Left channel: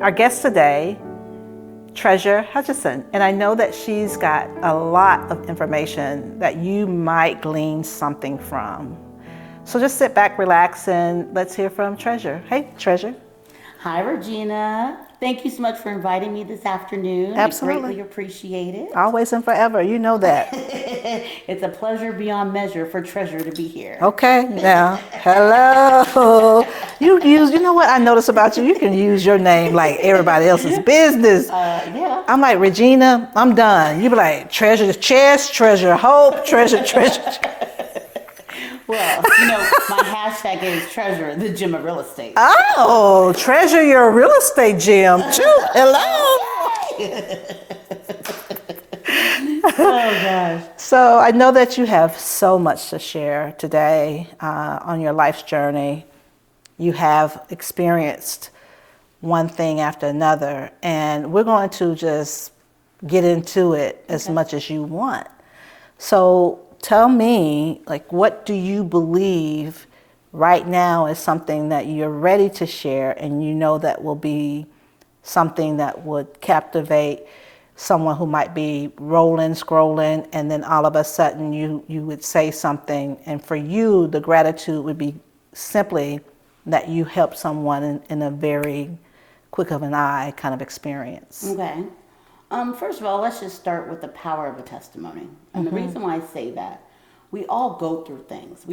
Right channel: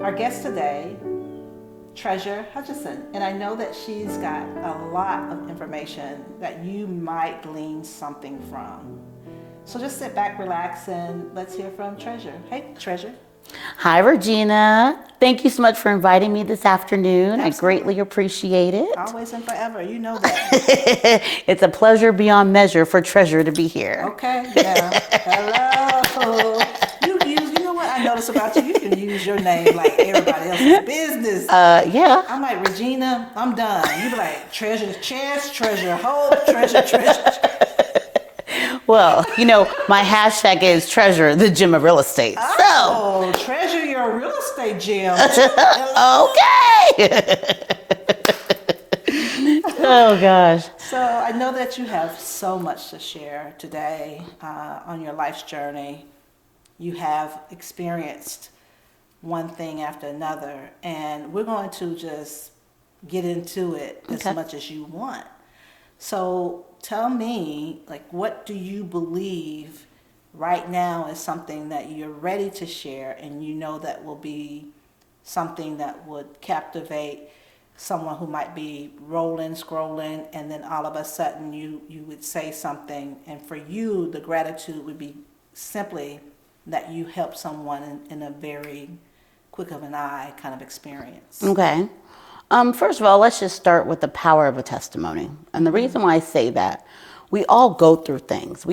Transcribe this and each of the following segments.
Our guest today, Treasure Hutchison, and I know that she's got a lot of information that you might glean something from. So just sit back, relax, and let's hear from Treasure. Hey, Treasure. Hi, Regina. Thank you so much for inviting me this afternoon. Absolutely. I greatly appreciate it. Always and forever, you know that. It's a pleasure beyond measure for Treasure to be here. Okay, now, hello. You know what I noticed about you? You can use your name like everybody else's business. Yeah. I'm like, Regina, I'm done. You be like, Treasure Chest, Treasure Hope, Treasure. Well, my hashtag is Treasure, the gem of real estate. Oh, Treasure your real estate gem too. Hello. Okay. Oh, gosh. So I know that you have so much to share today on your life's journey. You have experienced one thing after another, and we're going to just get into it as much as you want. So tell me, what do you believe right now is something that you're ready to share and you know that will be something that would captivate someone who might be scrolling, and then all of a sudden you would say something, and for you, the gratitude would be simply that you helped someone in a very quick of an eye kind of experience. Okay. First of all, let's just start with the power of a testimony. And the reason why I say that, we all go through things.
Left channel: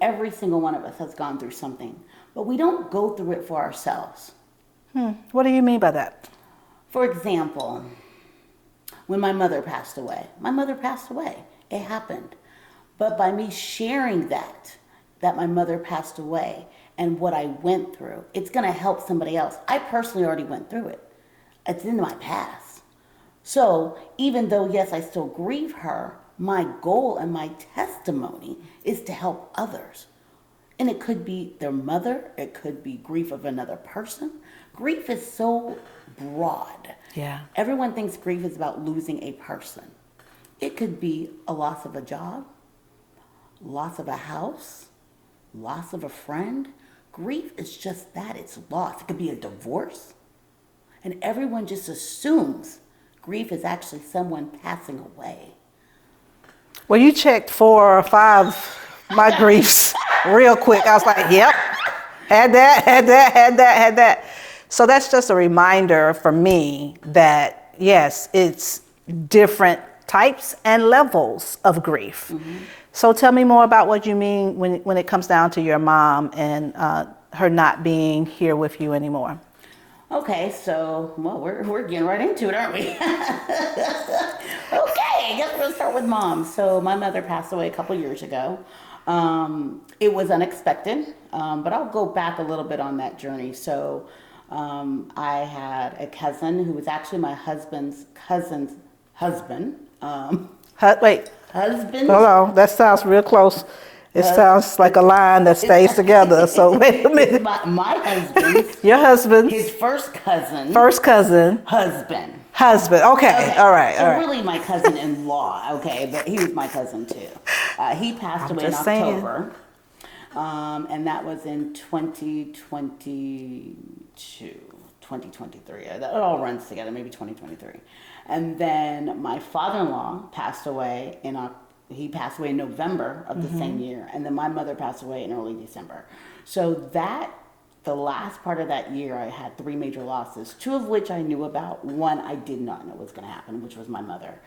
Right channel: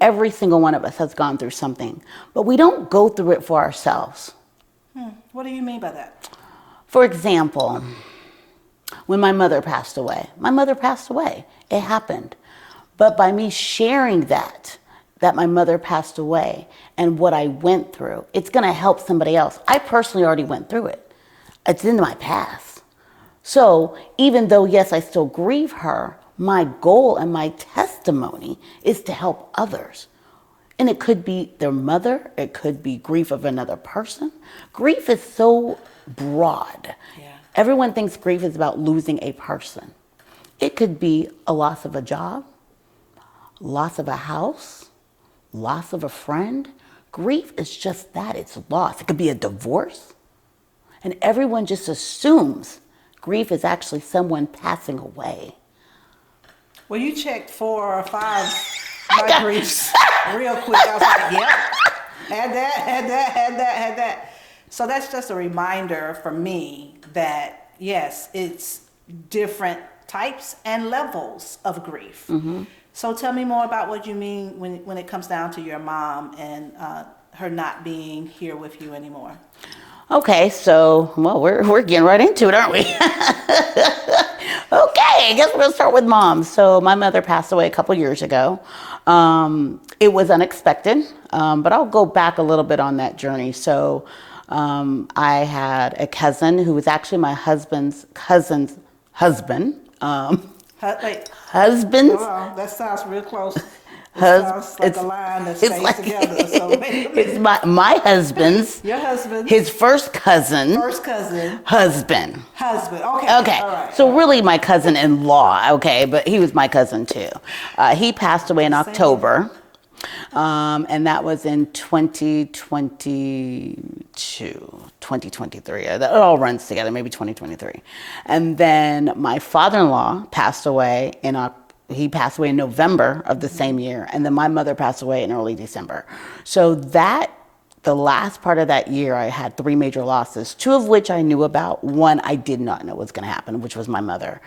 Every single one of us has gone through something, but we don't go through it for ourselves. What do you mean by that? For example, when my mother passed away. It happened. But by me sharing that my mother passed away and what I went through, it's going to help somebody else. I personally already went through it. It's in my past. So even though, yes, I still grieve her, my goal and my testimony is to help others. And it could be their mother. It could be grief of another person. Grief is so broad. Yeah. Everyone thinks grief is about losing a person. It could be a loss of a job, loss of a house, loss of a friend. Grief is just that, it's loss. It could be a divorce. And everyone just assumes grief is actually someone passing away. Well, you checked 4 or 5 my griefs real quick. I was like, yep, had that. So that's just a reminder for me that, yes, it's different types and levels of grief. Mm-hmm. So tell me more about what you mean when it comes down to your mom and her not being here with you anymore. Okay, so, we're getting right into it, aren't we? Okay, I guess we're gonna start with mom. So my mother passed away a couple years ago. It was unexpected, but I'll go back a little bit on that journey. So I had a cousin who was actually my husband's cousin's husband. Husband? Hold on, that sounds real close. It sounds like a line that stays together. So wait a minute. My husband's. Your husband. His first cousin. Husband. Okay. All right. So really my cousin-in-law, okay, but he was my cousin too. He passed away in October. And that was in 2023. It all runs together, maybe 2023. And then my father-in-law passed away he passed away in November of the same year, and then my mother passed away in early December. So the last part of that year, I had 3 major losses, 2 of which I knew about. 1 I did not know was going to happen, which was my mother.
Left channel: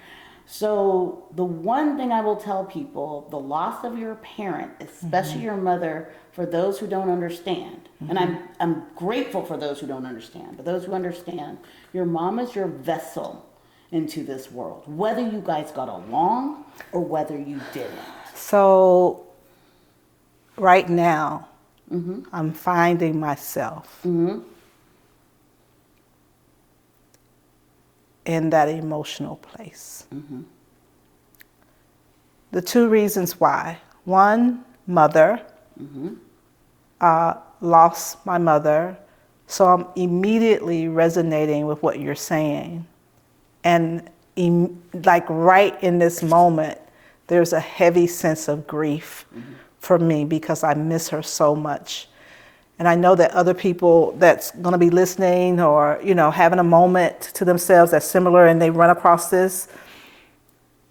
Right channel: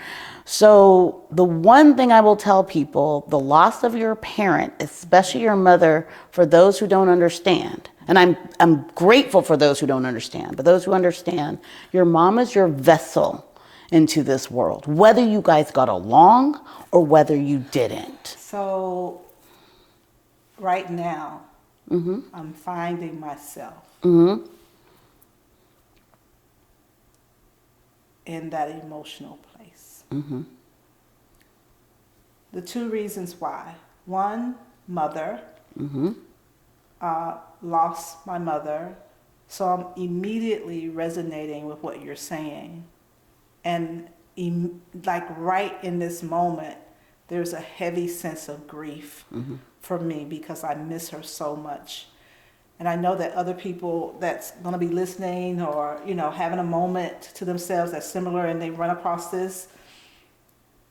So the one thing I will tell people, the loss of your parent, especially your mother, for those who don't understand, and I'm grateful for those who don't understand, but those who understand, your mom is your vessel into this world, whether you guys got along or whether you didn't. So right now, I'm finding myself in that emotional place. The 2 reasons why. 1, mother, lost my mother, so I'm immediately resonating with what you're saying. And right in this moment, there's a heavy sense of grief for me because I miss her so much. and I know that other people that's going to be listening or, having a moment to themselves that's similar and they run across this,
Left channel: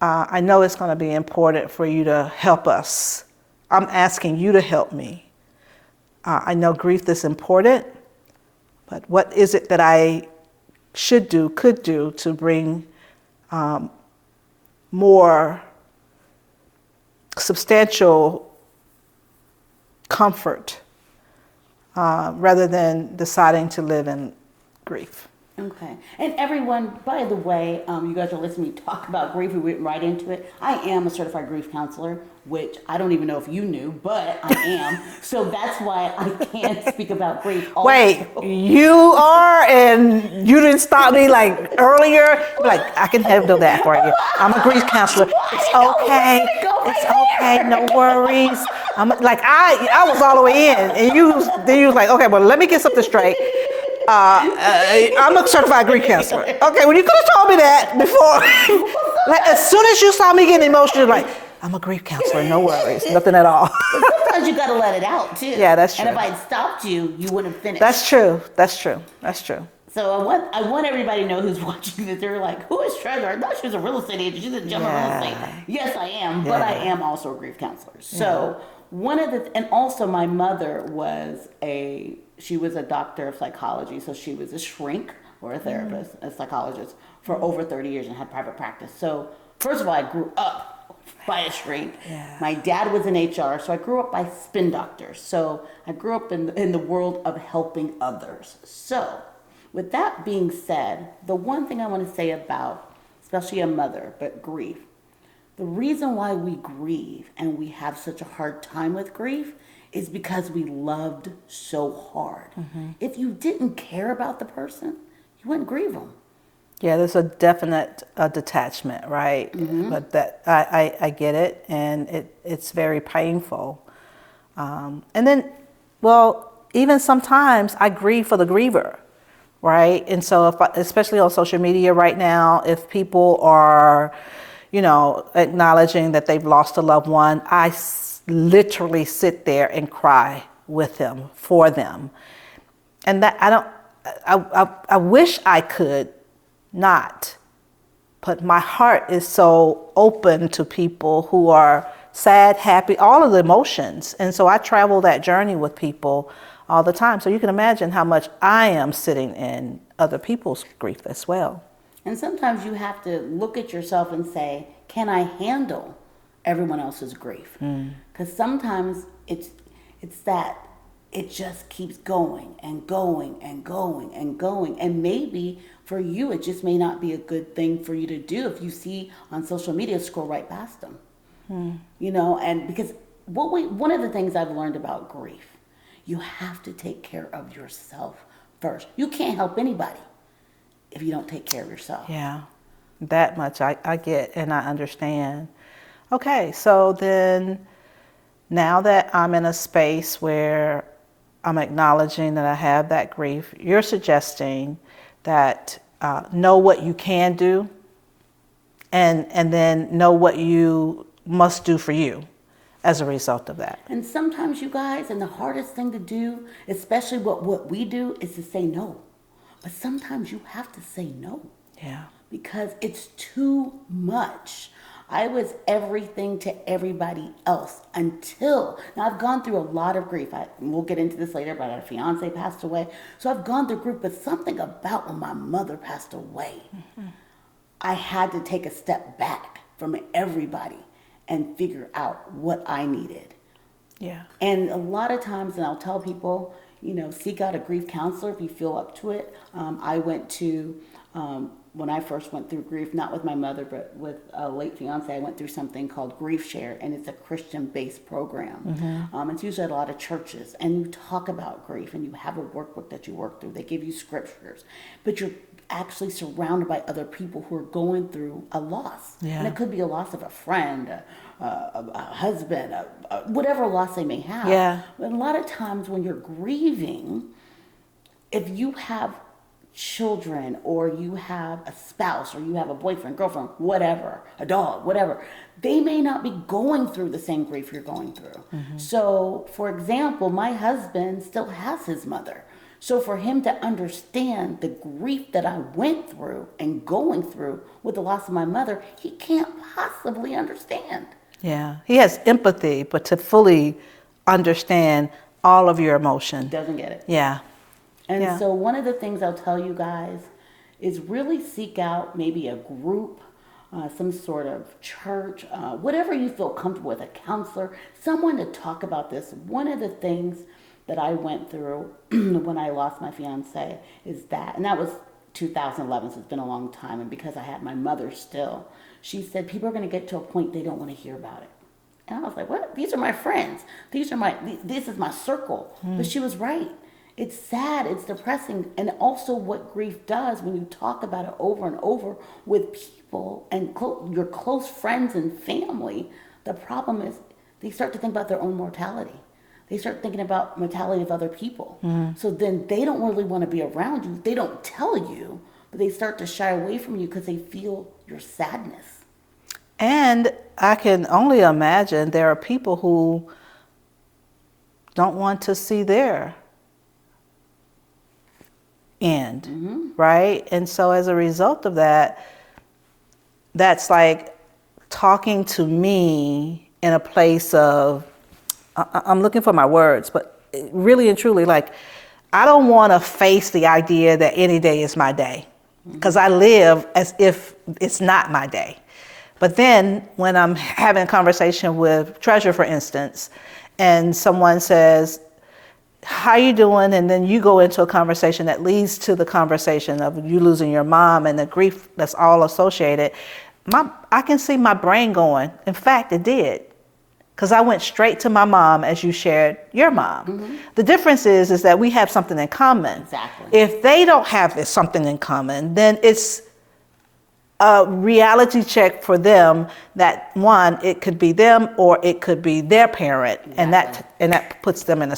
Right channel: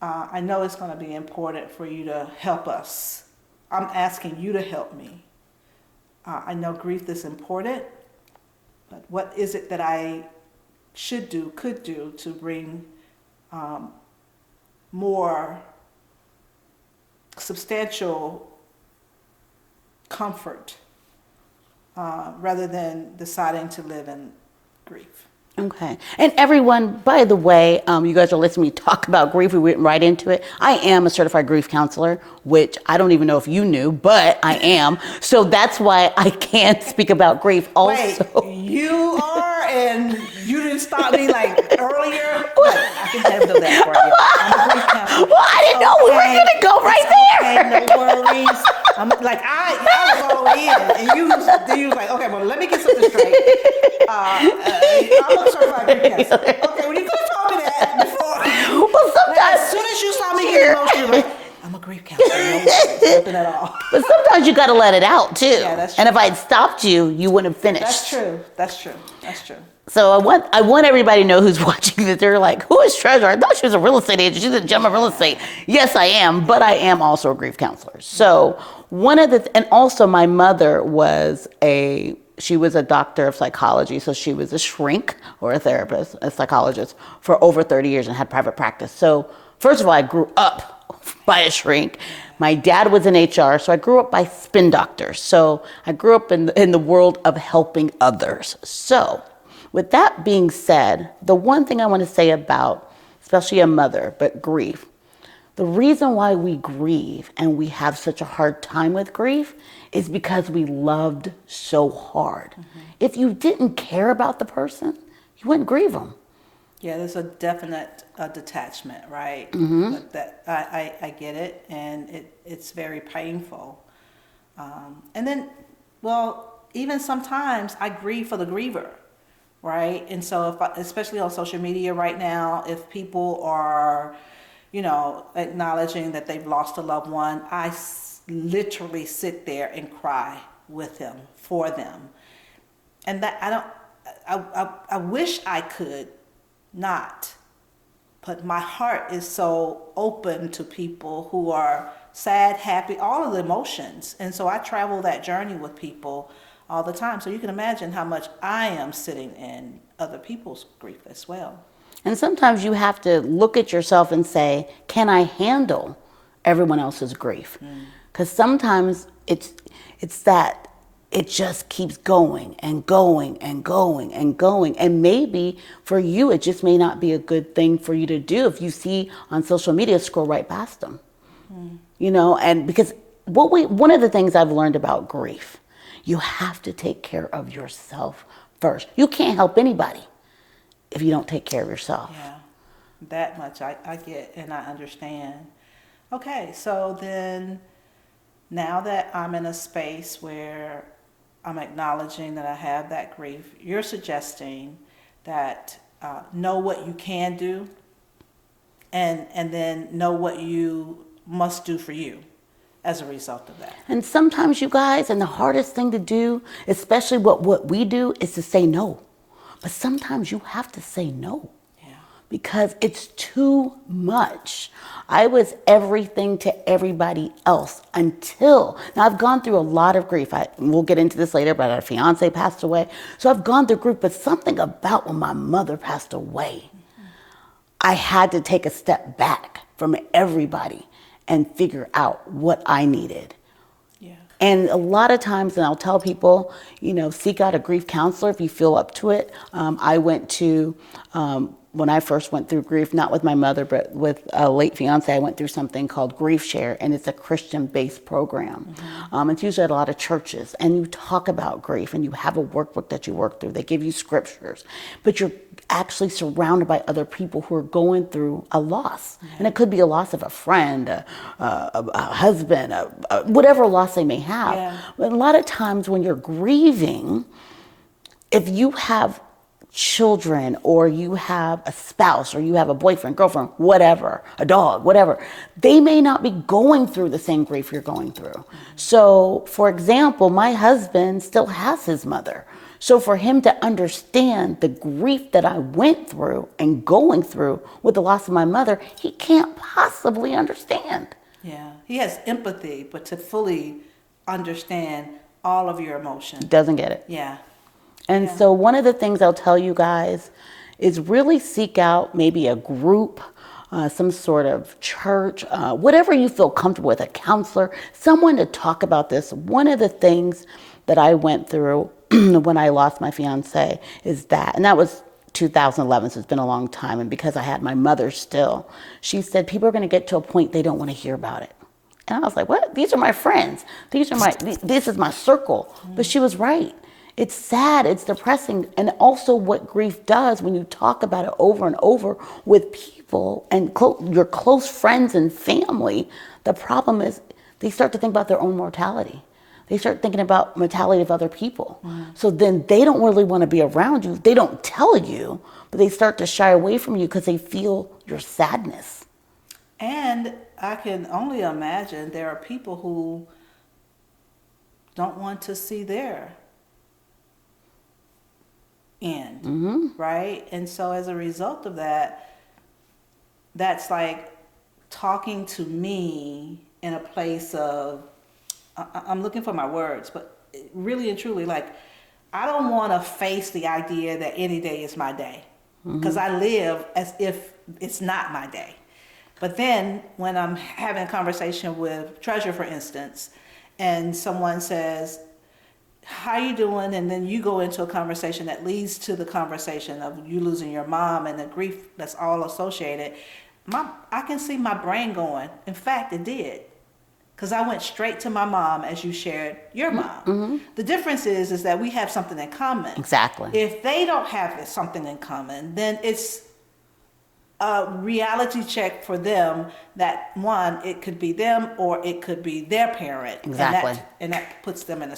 I know it's going to be important for you to help us. I'm asking you to help me. I know grief is important, but what is it that I could do to bring more substantial comfort rather than deciding to live in grief? Okay. And everyone, by the way, you guys are listening to me talk about grief. We went right into it. I am a certified grief counselor, which I don't even know if you knew, but I am. So that's why I can speak about grief also. Wait, you are, and you didn't stop me like earlier? Like, I can handle that for you. I'm a grief counselor. Well, I didn't know we were going to go right there. Okay, no worries. I was all the way in, and you was like, okay, well, let me get something straight. I'm a certified grief counselor. Okay, well, you could have told me that before. Well, as soon as you saw me getting emotional, you're like, I'm a grief counselor, no worries, nothing at all. But sometimes you got to let it out, too. Yeah, that's true. And if I had stopped you, you wouldn't have finished. That's true. So I want everybody to know who's watching this. They're like, who is Treasure? I thought she was a real estate agent. She's a gem of real estate. Yes, I am, but I am also a grief counselor. So and also my mother she was a doctor of psychology, so she was a shrink or a therapist, a psychologist for over 30 years and had private practice. So first of all, I grew up by a shrink. Yeah. My dad was in HR, so I grew up by spin doctors. So I grew up in the world of helping others. So with that being said, the one thing I want to say about, especially a mother, but grief, the reason why we grieve and we have such a hard time with grief is because we loved so hard. Mm-hmm. If you didn't care about the person, you wouldn't grieve them. Yeah, there's a definite detachment, right? Mm-hmm. But that I get it, and it's very painful. And then, even sometimes I grieve for the griever, right? And so, especially on social media right now, if people are, acknowledging that they've lost a loved one, I literally sit there and cry with them, for them. And that I wish I could not, but my heart is so open to people who are sad, happy, all of the emotions. And so I travel that journey with people all the time. So you can imagine how much I am sitting in other people's grief as well. And sometimes you have to look at yourself and say, can I handle everyone else's grief? Because sometimes it's that it just keeps going and going and going and going. And maybe for you, it just may not be a good thing for you to do. If you see on social media, scroll right past them. And because one of the things I've learned about grief, you have to take care of yourself first. You can't help anybody if you don't take care of yourself. Yeah, that much I get and I understand. Okay, so then now that I'm in a space where I'm acknowledging that I have that grief, you're suggesting that know what you can do and then know what you must do for you as a result of that. And sometimes, you guys, and the hardest thing to do, especially what we do, is to say no. But sometimes you have to say no. Yeah. Because it's too much. I was everything to everybody else now I've gone through a lot of grief. We'll get into this later, but our fiance passed away. So I've gone through grief, but something about when my mother passed away, I had to take a step back from everybody and figure out what I needed. Yeah. And a lot of times, and I'll tell people, seek out a grief counselor if you feel up to it. I went to, when I first went through grief, not with my mother, but with a late fiance, I went through something called Grief Share, and it's a Christian-based program. Mm-hmm. It's usually at a lot of churches, and you talk about grief, and you have a workbook that you work through. They give you scriptures, but you're actually surrounded by other people who are going through a loss. Yeah. And it could be a loss of a friend, a husband, whatever loss they may have. Yeah. But a lot of times when you're grieving, if you have children, or you have a spouse, or you have a boyfriend, girlfriend, whatever, a dog, whatever, they may not be going through the same grief you're going through. So, for example, my husband still has his mother. So for him to understand the grief that I went through and going through with the loss of my mother, he can't possibly understand. Yeah. He has empathy, but to fully understand all of your emotion. Doesn't get it. Yeah. And Yeah. so one of the things I'll tell you guys is really seek out maybe a group, some sort of church, whatever you feel comfortable with, a counselor, someone to talk about this. One of the things that I went through when I lost my fiance is that, and that was 2011, so it's been a long time. And because I had my mother still, she said, people are going to get to a point they don't want to hear about it. And I was like, what? These are my friends. This is my circle. But she was right. It's sad, it's depressing. And also what grief does when you talk about it over and over with people and your close friends and family, the problem is they start to think about their own mortality. They start thinking about mortality of other people. So then they don't really want to be around you. They don't tell you, but they start to shy away from you because they feel your sadness. And I can only imagine there are people who don't want to see their end, right? And so as a result of that, that's like talking to me in a place of, I'm looking for my words, but really and truly, like, I don't want to face the idea that any day is my day, because I live as if it's not my day. But then when I'm having a conversation with Treasure, for instance, and someone says, how you doing? And then you go into a conversation that leads to the conversation of you losing your mom and the grief that's all associated. I can see my brain going. In fact, it did. Because I went straight to my mom as you shared your mom. The difference is that we have something in common. Exactly. If they don't have something in common, then it's a reality check for them that, one, it could be them or it could be their parent. Exactly. And that puts them in a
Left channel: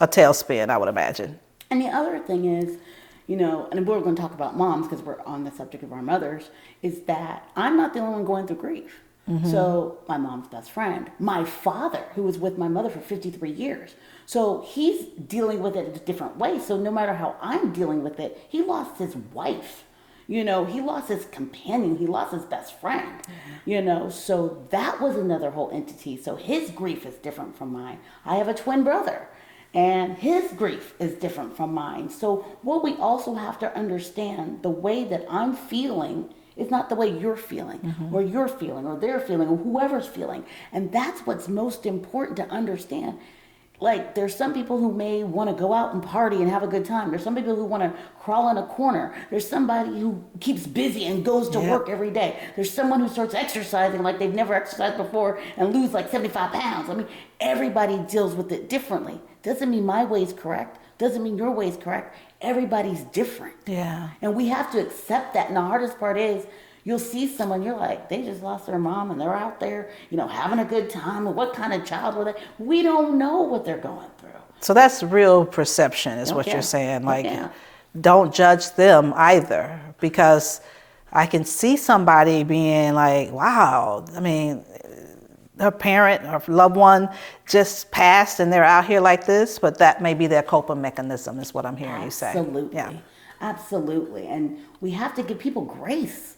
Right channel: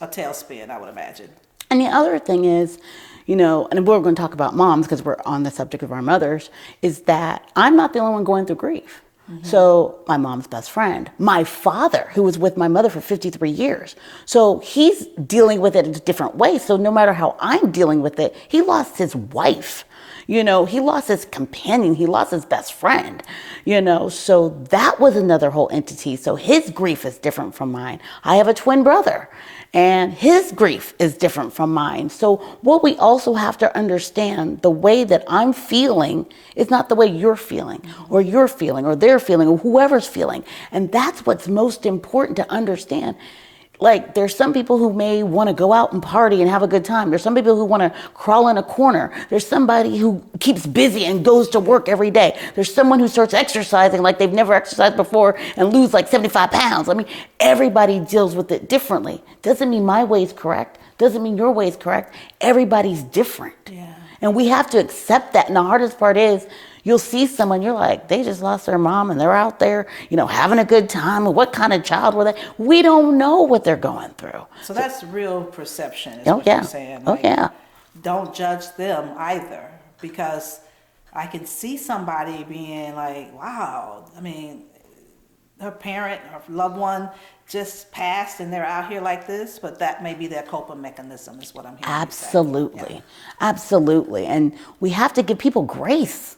tailspin, I would imagine. And the other thing is, you know, and we're going to talk about moms because we're on the subject of our mothers, is that I'm not the only one going through grief. So my mom's best friend, my father, who was with my mother for 53 years. So he's dealing with it in a different way. So no matter how I'm dealing with it, he lost his wife. You know, he lost his companion. He lost his best friend, you know, so that was another whole entity. So his grief is different from mine. I have a twin brother and his grief is different from mine. So what we also have to understand, the way that I'm feeling is not the way you're feeling or they're feeling or whoever's feeling. And that's what's most important to understand. Like, there's some people who may want to go out and party and have a good time. There's some people who want to crawl in a corner. There's somebody who keeps busy and goes to work every day. There's someone who starts exercising like they've never exercised before and lose like 75 pounds. I mean, everybody deals with it differently. Doesn't mean my way is correct. Doesn't mean your way is correct. Everybody's different. Yeah. And we have to accept that. And the hardest part is, you'll see someone, you're like, they just lost their mom and they're out there, you know, having a good time. What kind of child were they? We don't know what they're going through. So that's real perception is what you're saying. Like, don't judge them either, because I can see somebody being like, wow, I mean, her parent or loved one just passed and they're out here like this, but that may be their coping mechanism is what I'm hearing you say. Absolutely. Absolutely. And we have to give people grace.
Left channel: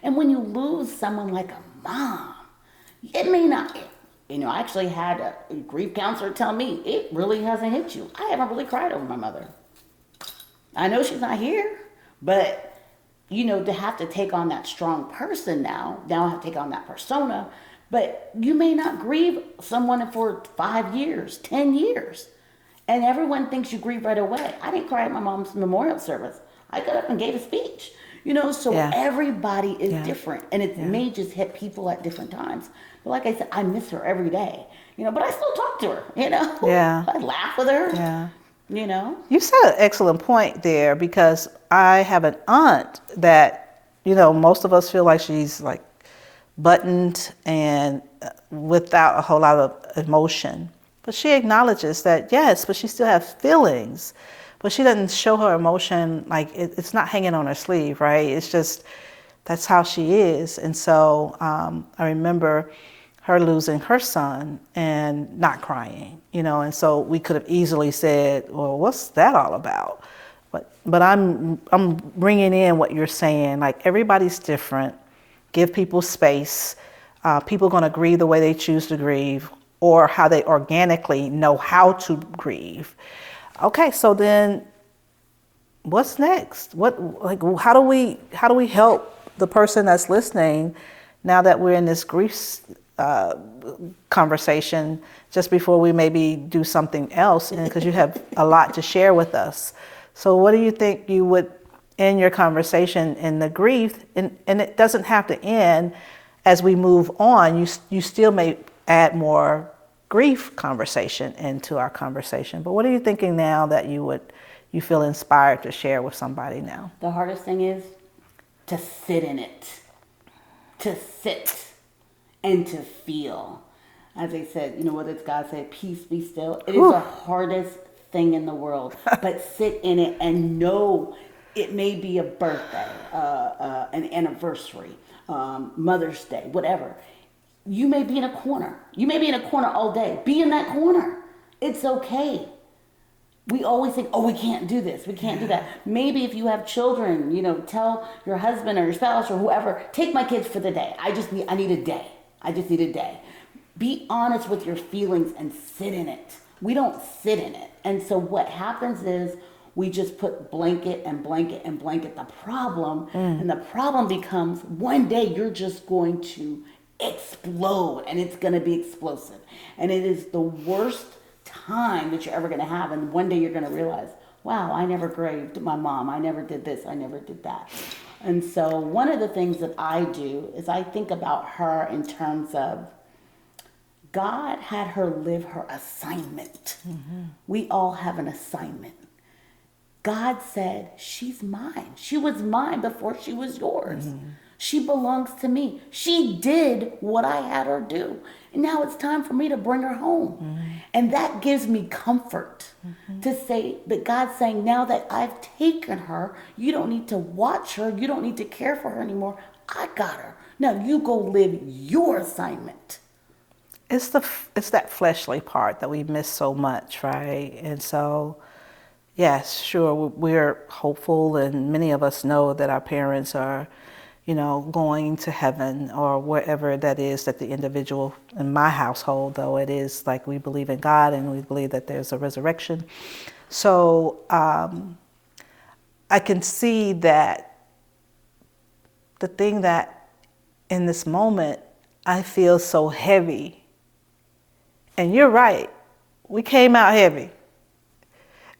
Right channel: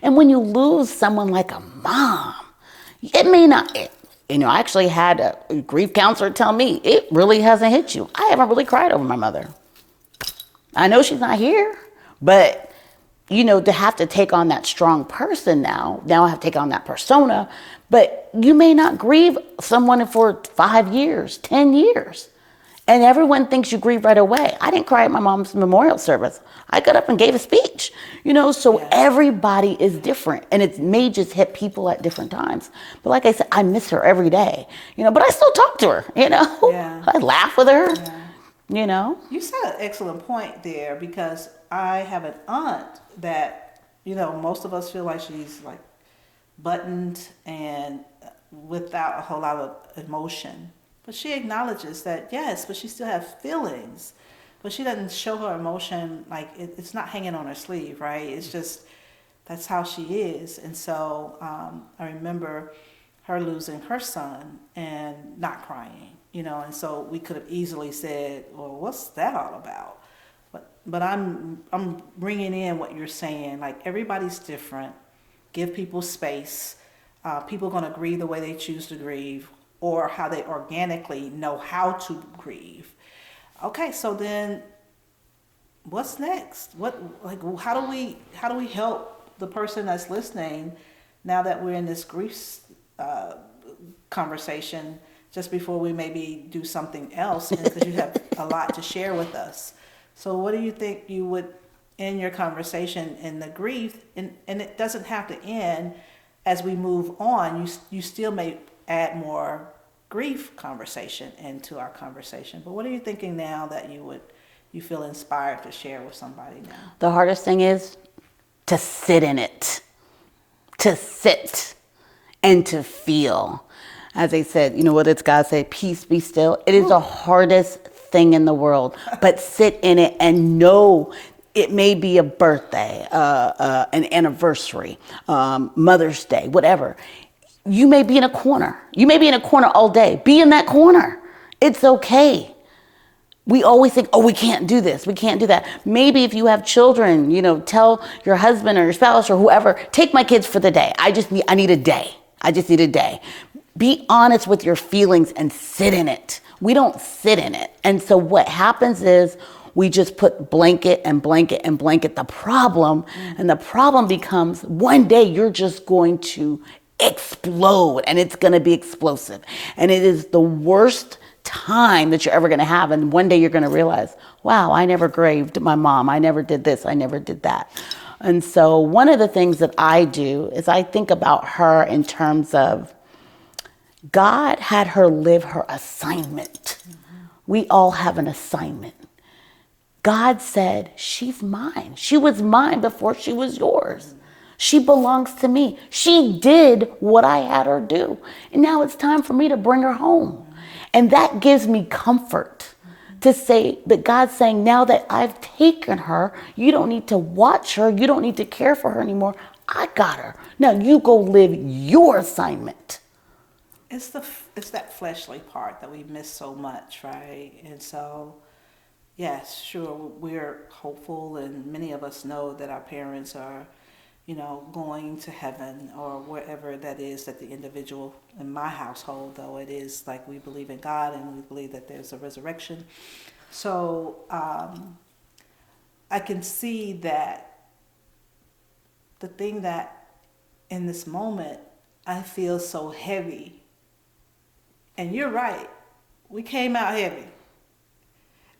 And when you lose someone like a mom, it may not, you know, I actually had a grief counselor tell me, it really hasn't hit you. I haven't really cried over my mother. I know she's not here, but, you know, to have to take on that strong person now I have to take on that persona, but you may not grieve someone for 5 years, 10 years. And everyone thinks you grieve right away. I didn't cry at my mom's memorial service. I got up and gave a speech, you know, so everybody is different, and it may just hit people at different times. But like I said, I miss her every day, you know, but I still talk to her, you know. I laugh with her, you know. You said an excellent point there, because I have an aunt that, you know, most of us feel like she's like buttoned and without a whole lot of emotion. But she acknowledges that, yes, but she still has feelings. but she doesn't show her emotion, like it's not hanging on her sleeve, right? It's just, that's how she is. And so I remember her losing her son and not crying, and so we could have easily said, well, what's that all about? But I'm bringing in what you're saying, like everybody's different. Give people space. People are going to grieve the way they choose to grieve, or how they organically know how to grieve. Okay, so then what's next? How do we help the person that's listening now that we're in this grief conversation, just before we maybe do something else, because you have a lot to share with us. So what do you think you would end your conversation in the grief? And it doesn't have to end as we move on. You still may add more grief conversation into our conversation. But what are you thinking now that you feel inspired to share with somebody now? The hardest thing is to sit in it, to sit and to feel. As I said, what does God say? Peace, be still. It is the hardest thing in the world, but sit in it and know it may be a birthday, an anniversary, Mother's Day, whatever. You may be in a corner. You may be in a corner all day. Be in that corner. It's okay. We always think, oh, we can't do this. We can't do that. Maybe if you have children, tell your husband or your spouse or whoever, take my kids for the day. I need a day. I just need a day. Be honest with your feelings and sit in it. We don't sit in it. And so what happens is we just put blanket and blanket and blanket the problem. And the problem becomes one day you're just going to explode, and it's going to be explosive. And it is the worst time that you're ever going to have. And one day you're going to realize, wow, I never grieved my mom. I never did this. I never did that. And so one of the things that I do is I think about her in terms of God had her live her assignment. We all have an assignment. God said, she's mine. She was mine before she was yours. She belongs to me. She did what I had her do. And now it's time for me to bring her home. And that gives me comfort to say that God's saying, now that I've taken her, you don't need to watch her. You don't need to care for her anymore. I got her. Now you go live your assignment. It's that fleshly part that we miss so much, right? And so, yes, sure, we're hopeful, and many of us know that our parents are, going to heaven or wherever that is that the individual, in my household, though, it is like we believe in God and we believe that there's a resurrection. So I can see that the thing that in this moment I feel so heavy. And you're right. We came out heavy.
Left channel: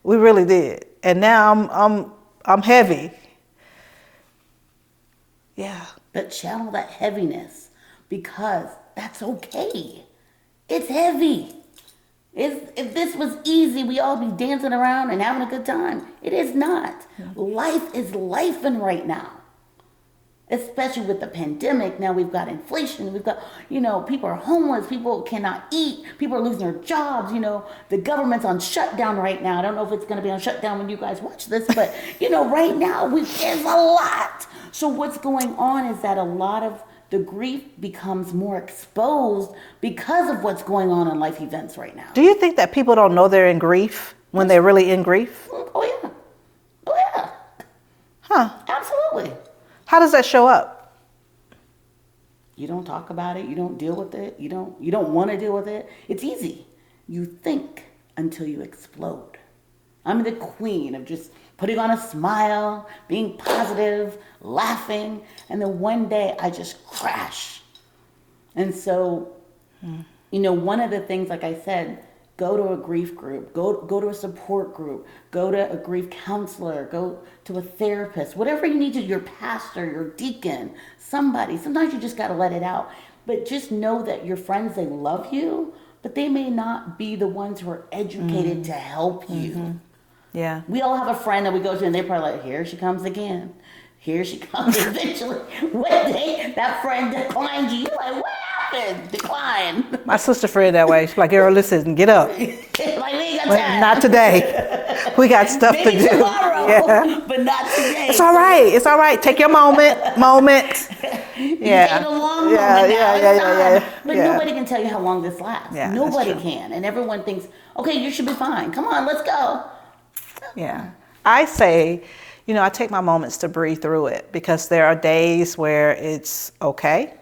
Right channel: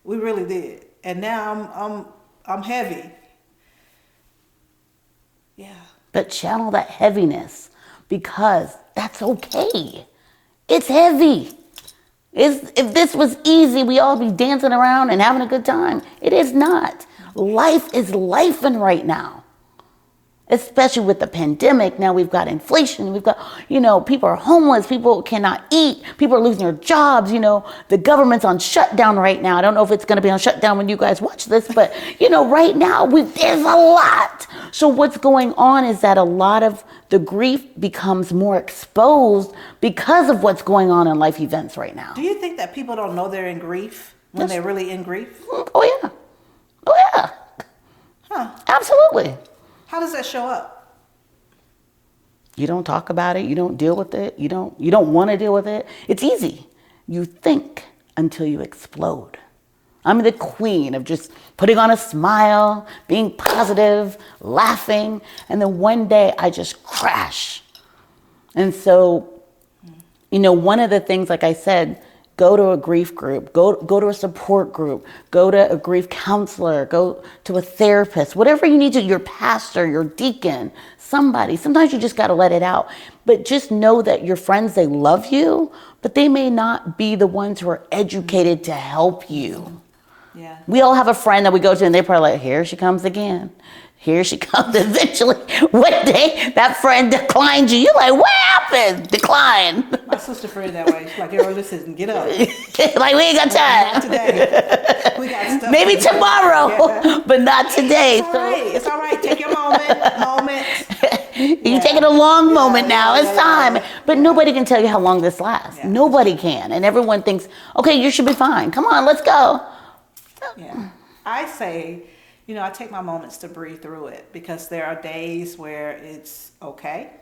We really did. And now I'm heavy. Yeah. But channel that heaviness, because that's okay. It's heavy. If this was easy, we all be dancing around and having a good time. It is not. Life is lifing right now. Especially with the pandemic. Now we've got inflation. We've got, people are homeless. People cannot eat. People are losing their jobs. The government's on shutdown right now. I don't know if it's going to be on shutdown when you guys watch this, but, right now there's a lot. So what's going on is that a lot of the grief becomes more exposed because of what's going on in life events right now. Do you think that people don't know they're in grief when they're really in grief? Oh, yeah. Oh, yeah. Huh. Absolutely. How does that show up? You don't talk about it. You don't deal with it. You don't want to deal with it. It's easy. You think until you explode. I'm the queen of just putting on a smile, being positive, laughing, and then one day I just crash. And so, one of the things, like I said, go to a grief group, go to a support group, go to a grief counselor, go to a therapist, whatever you need to, your pastor, your deacon, somebody. Sometimes you just got to let it out. But just know that your friends, they love you, but they may not be the ones who are educated to help you. Yeah. We all have a friend that we go to and they're probably like, here she comes again. Here she comes eventually. One day, that friend declined you. You're like, what happened? Decline. My sister friend that way. She's like, girl, listen, get up. Like, we ain't got time. Not today. We got stuff Maybe to do. tomorrow, but not today. It's all right. It's all right. Take your moment. You're taking a long moment now. It's time. But yeah. nobody can tell you how long this lasts. Yeah, Nobody can. And everyone thinks, okay, you should be fine. Come on, let's go. Yeah. I say, I take my moments to breathe through it, because there are days where it's okay.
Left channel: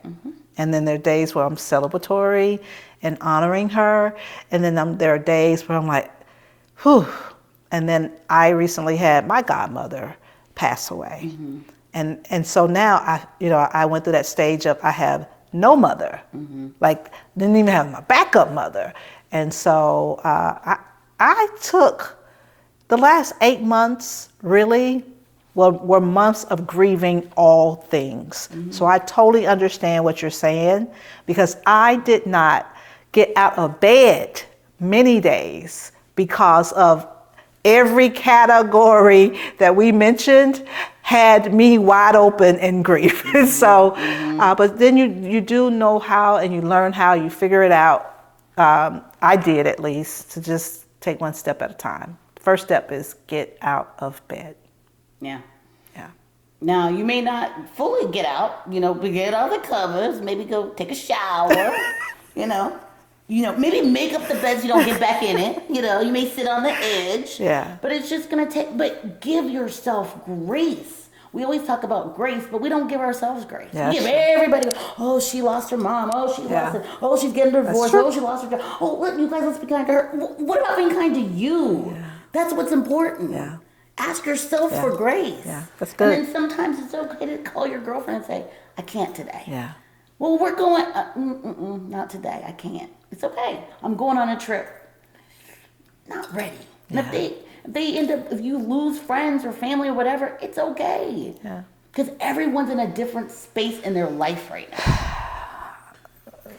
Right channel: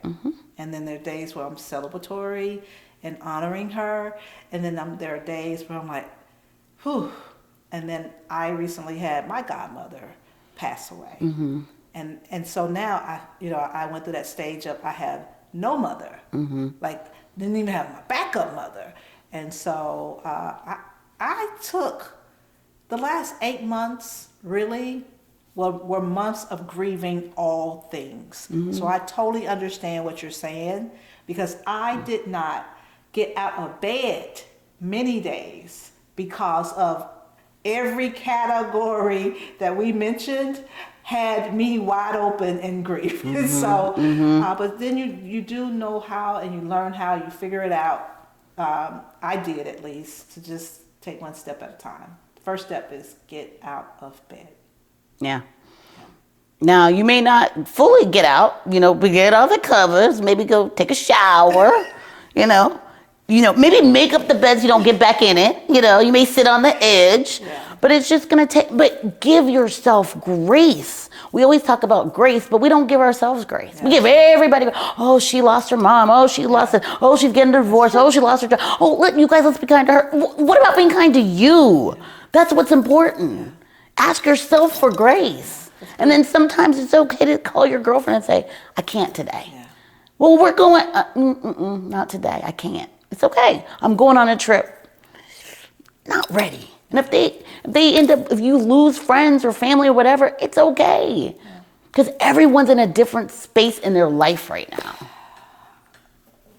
And then there are days where I'm celebratory and honoring her. And then there are days where I'm like, whew. And then I recently had my godmother pass away. And so now I went through that stage of I have no mother, like didn't even have my backup mother. And so I took the last 8 months really were months of grieving all things. So I totally understand what you're saying, because I did not get out of bed many days because of every category that we mentioned had me wide open in grief. So, but then you do know how, and you learn how, you figure it out. I did, at least, to just take one step at a time. First step is get out of bed. Yeah. Now, you may not fully get out, but get out of the covers, maybe go take a shower, maybe make up the bed so you don't get back in it. You may sit on the edge, but it's just going to but give yourself grace. We always talk about grace, but we don't give ourselves grace. Yeah, we give everybody, oh, she lost her mom. Oh, she lost it. Oh, she's getting divorced. Oh, she lost her job. Oh, let's be kind to her. What about being kind to you? Yeah. That's what's important. Yeah. Ask yourself for grace. Yeah, that's good. And then sometimes it's okay to call your girlfriend and say, I can't today. Yeah. Well, we're going, not today. I can't. It's okay. I'm going on a trip. Not ready. And if they end up, if you lose friends or family or whatever, it's okay. Because everyone's in a different space in their life right now.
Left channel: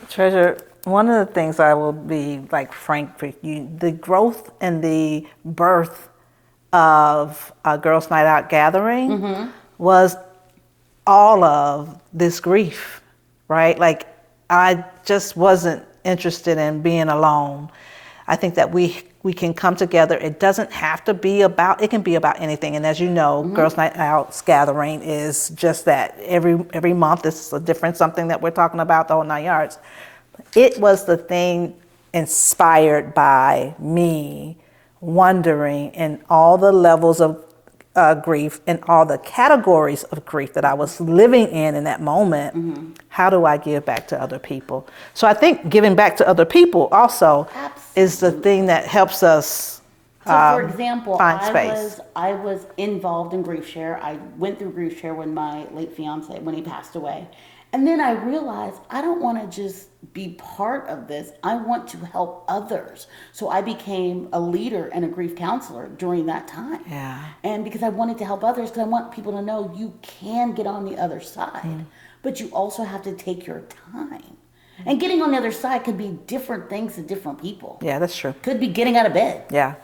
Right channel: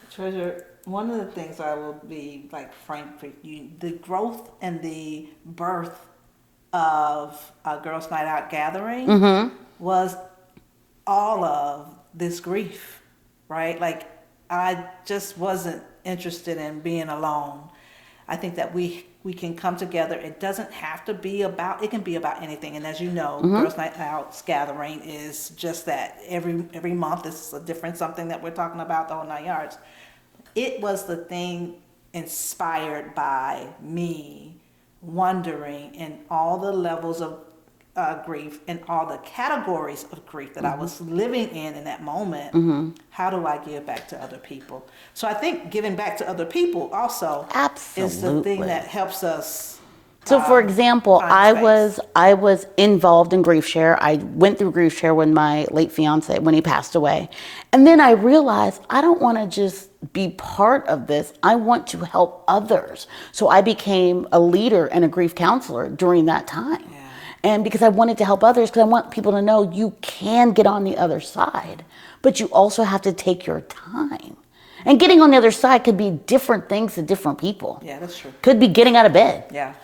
Treasure, one of the things I will be frank with you, the growth and the birth of a Girls Night Out gathering was all of this grief, right? Like, I just wasn't interested in being alone. I think that we can come together. It doesn't have to be about, it can be about anything. And as you know, Girls Night Out's gathering is just that. Every month is a different something that we're talking about, the whole 9 yards. It was the thing inspired by me wondering in all the levels of grief and all the categories of grief that I was living in that moment. How do I give back to other people? So I think giving back to other people also is the thing that helps us. So for example, I was involved in grief share. I went through grief share when my late fiance, when he passed away. And then I realized I don't want to just be part of this. I want to help others. So I became a leader and a grief counselor during that time. Yeah. And because I wanted to help others, because I want people to know you can get on the other side, but you also have to take your time. And getting on the other side could be different things to different people. Yeah, that's true. Could be getting out of bed. Yeah.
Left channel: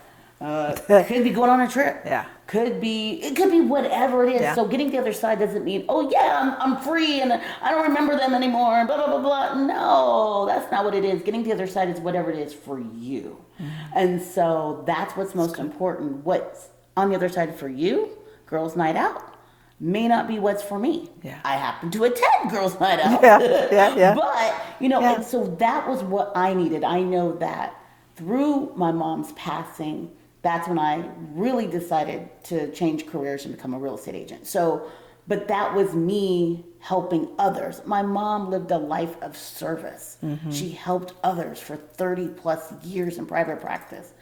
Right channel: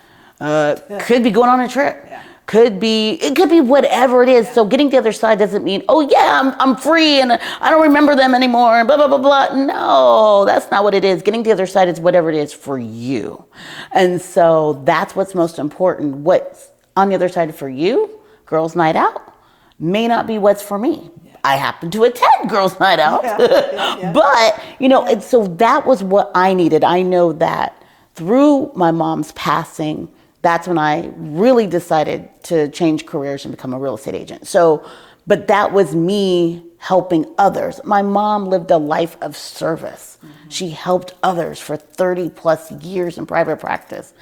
Could be going on a trip. Yeah. It could be whatever it is. Yeah. So getting to the other side doesn't mean, oh yeah, I'm free and I don't remember them anymore, blah, blah, blah, blah. No, that's not what it is. Getting to the other side is whatever it is for you. And so that's what's most important. What's on the other side for you, Girls Night Out, may not be what's for me. Yeah. I happen to attend Girls Night Out. But, and so that was what I needed. I know that through my mom's passing, that's when I really decided to change careers and become a real estate agent. So, but that was me helping others. My mom lived a life of service. She helped others for 30 plus years in private practice.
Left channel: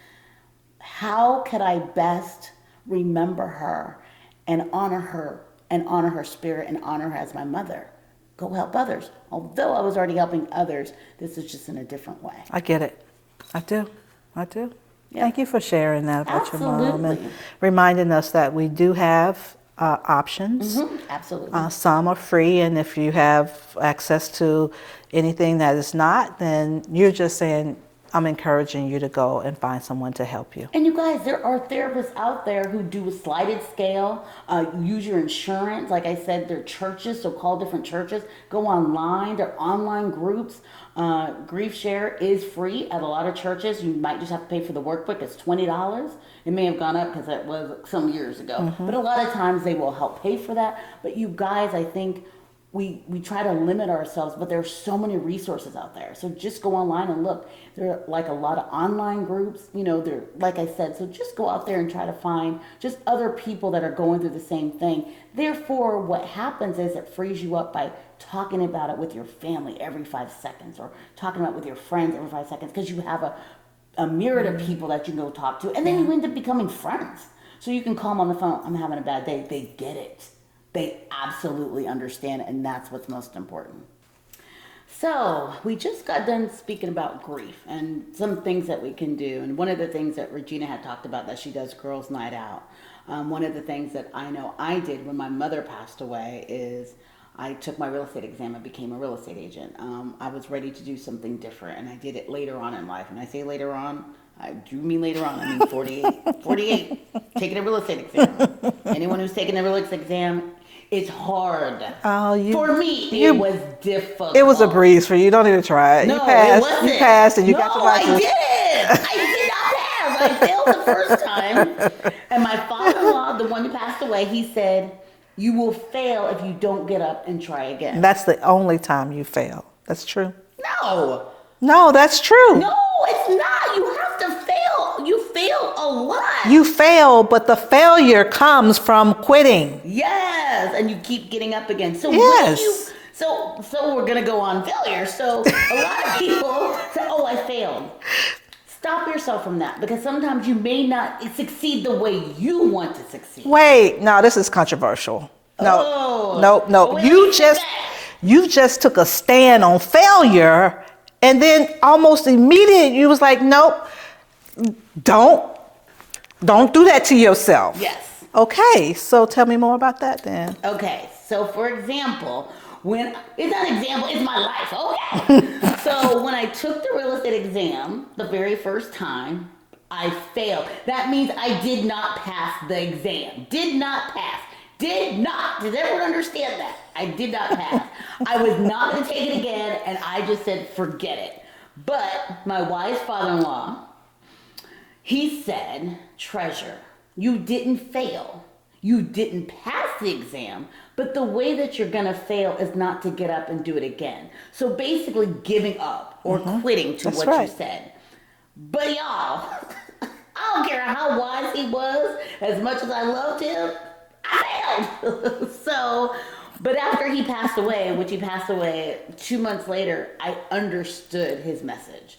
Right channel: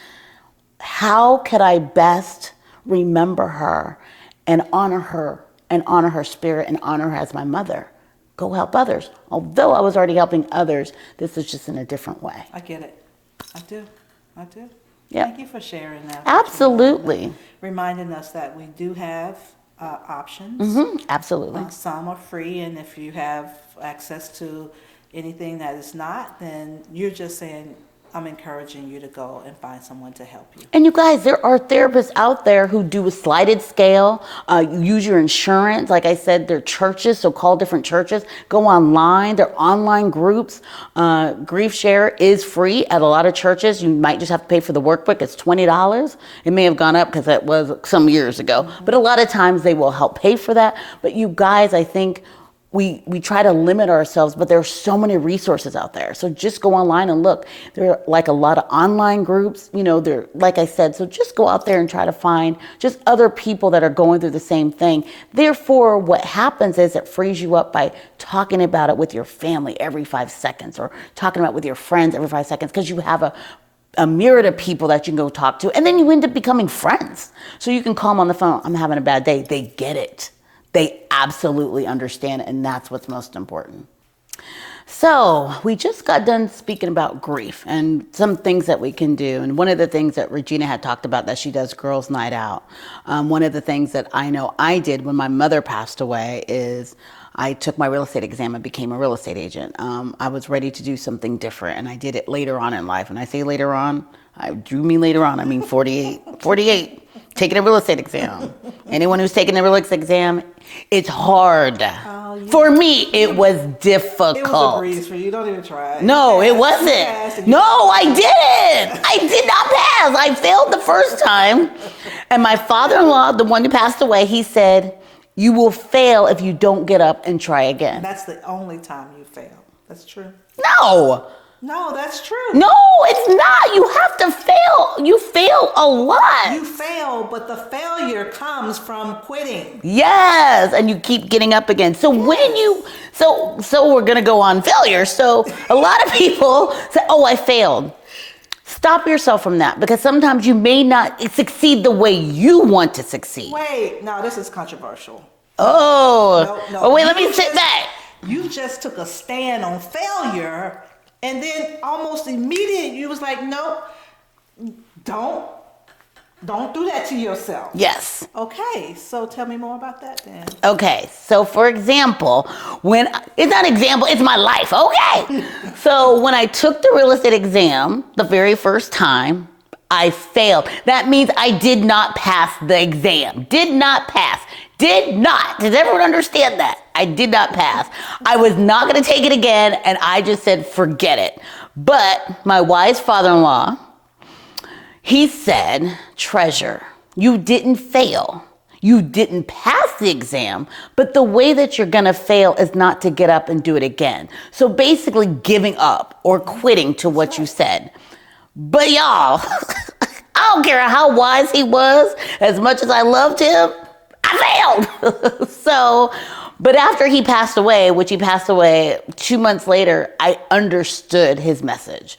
How could I best remember her and honor her spirit and honor her as my mother? Go help others. Although I was already helping others, this is just in a different way. I get it. I do. Yeah. Thank you for sharing that. Absolutely. Reminding us that we do have options. Absolutely. Some are free, and if you have access to anything that is not, then you're just saying I'm encouraging you to go and find someone to help you. And you guys, there are therapists out there who do a slided scale, use your insurance. Like I said, they're churches, so call different churches. Go online, they're online groups. Grief Share is free at a lot of churches. You might just have to pay for the workbook. It's $20. It may have gone up because that was some years ago. But a lot of times they will help pay for that. But you guys, I think, we try to limit ourselves, but there are so many resources out there. So just go online and look. There are like a lot of online groups, they're, like I said, so just go out there and try to find just other people that are going through the same thing. Therefore, what happens is it frees you up by talking about it with your family every 5 seconds, or talking about it with your friends every 5 seconds, because you have a myriad of people that you can go talk to, and then you end up becoming friends. So you can call them on the phone, I'm having a bad day. They get it. They absolutely understand, and that's what's most important. So we just got done speaking about grief and some things that we can do. And one of the things that Regina had talked about, that she does Girls Night Out. One of the things that I know I did when my mother passed away is I took my real estate exam and became a real estate agent. I was ready to do something different, and I did it later on in life. And I say later on, I do mean later on, I mean 48, taking a real estate exam. Anyone who's taken a real estate exam, it's hard. For me, it was difficult. It was a breeze for you. Don't even try it. No, it wasn't. You passed and you I didn't. I did not pass. I failed the first time. And my father-in-law, the one who passed away, he said, you will fail if you don't get up and try again. That's the only time you fail. That's true. No, that's true. No, it's not. You have to fail. You fail a lot. You fail, but the failure comes from quitting. Yes, and you keep getting up again. So when you, so we're gonna go on failure. So a lot of people say, "Oh, I failed." Stop yourself from that, because sometimes you may not succeed the way you want to succeed. Wait, no, this is controversial. No. Oh, wait, let me sit back. You just took a stand on failure. And then almost immediately you was like, nope, don't do that to yourself. Yes. Okay, so tell me more about that then. Okay, so for example, it's not an example, it's my life, okay? So when I took the real estate exam the very first time, I failed. That means I did not pass the exam. Did not pass. Did not. Does everyone understand that? I did not pass. I was not going to take it again, and I just said, forget it. But my wise father-in-law, he said, Treasure, you didn't fail. You didn't pass the exam, but the way that you're going to fail is not to get up and do it again. So basically giving up or quitting to what you said. But y'all, I don't care how wise he was, as much as I loved him, I failed. But after he passed away, which he passed away 2 months later, I understood his message.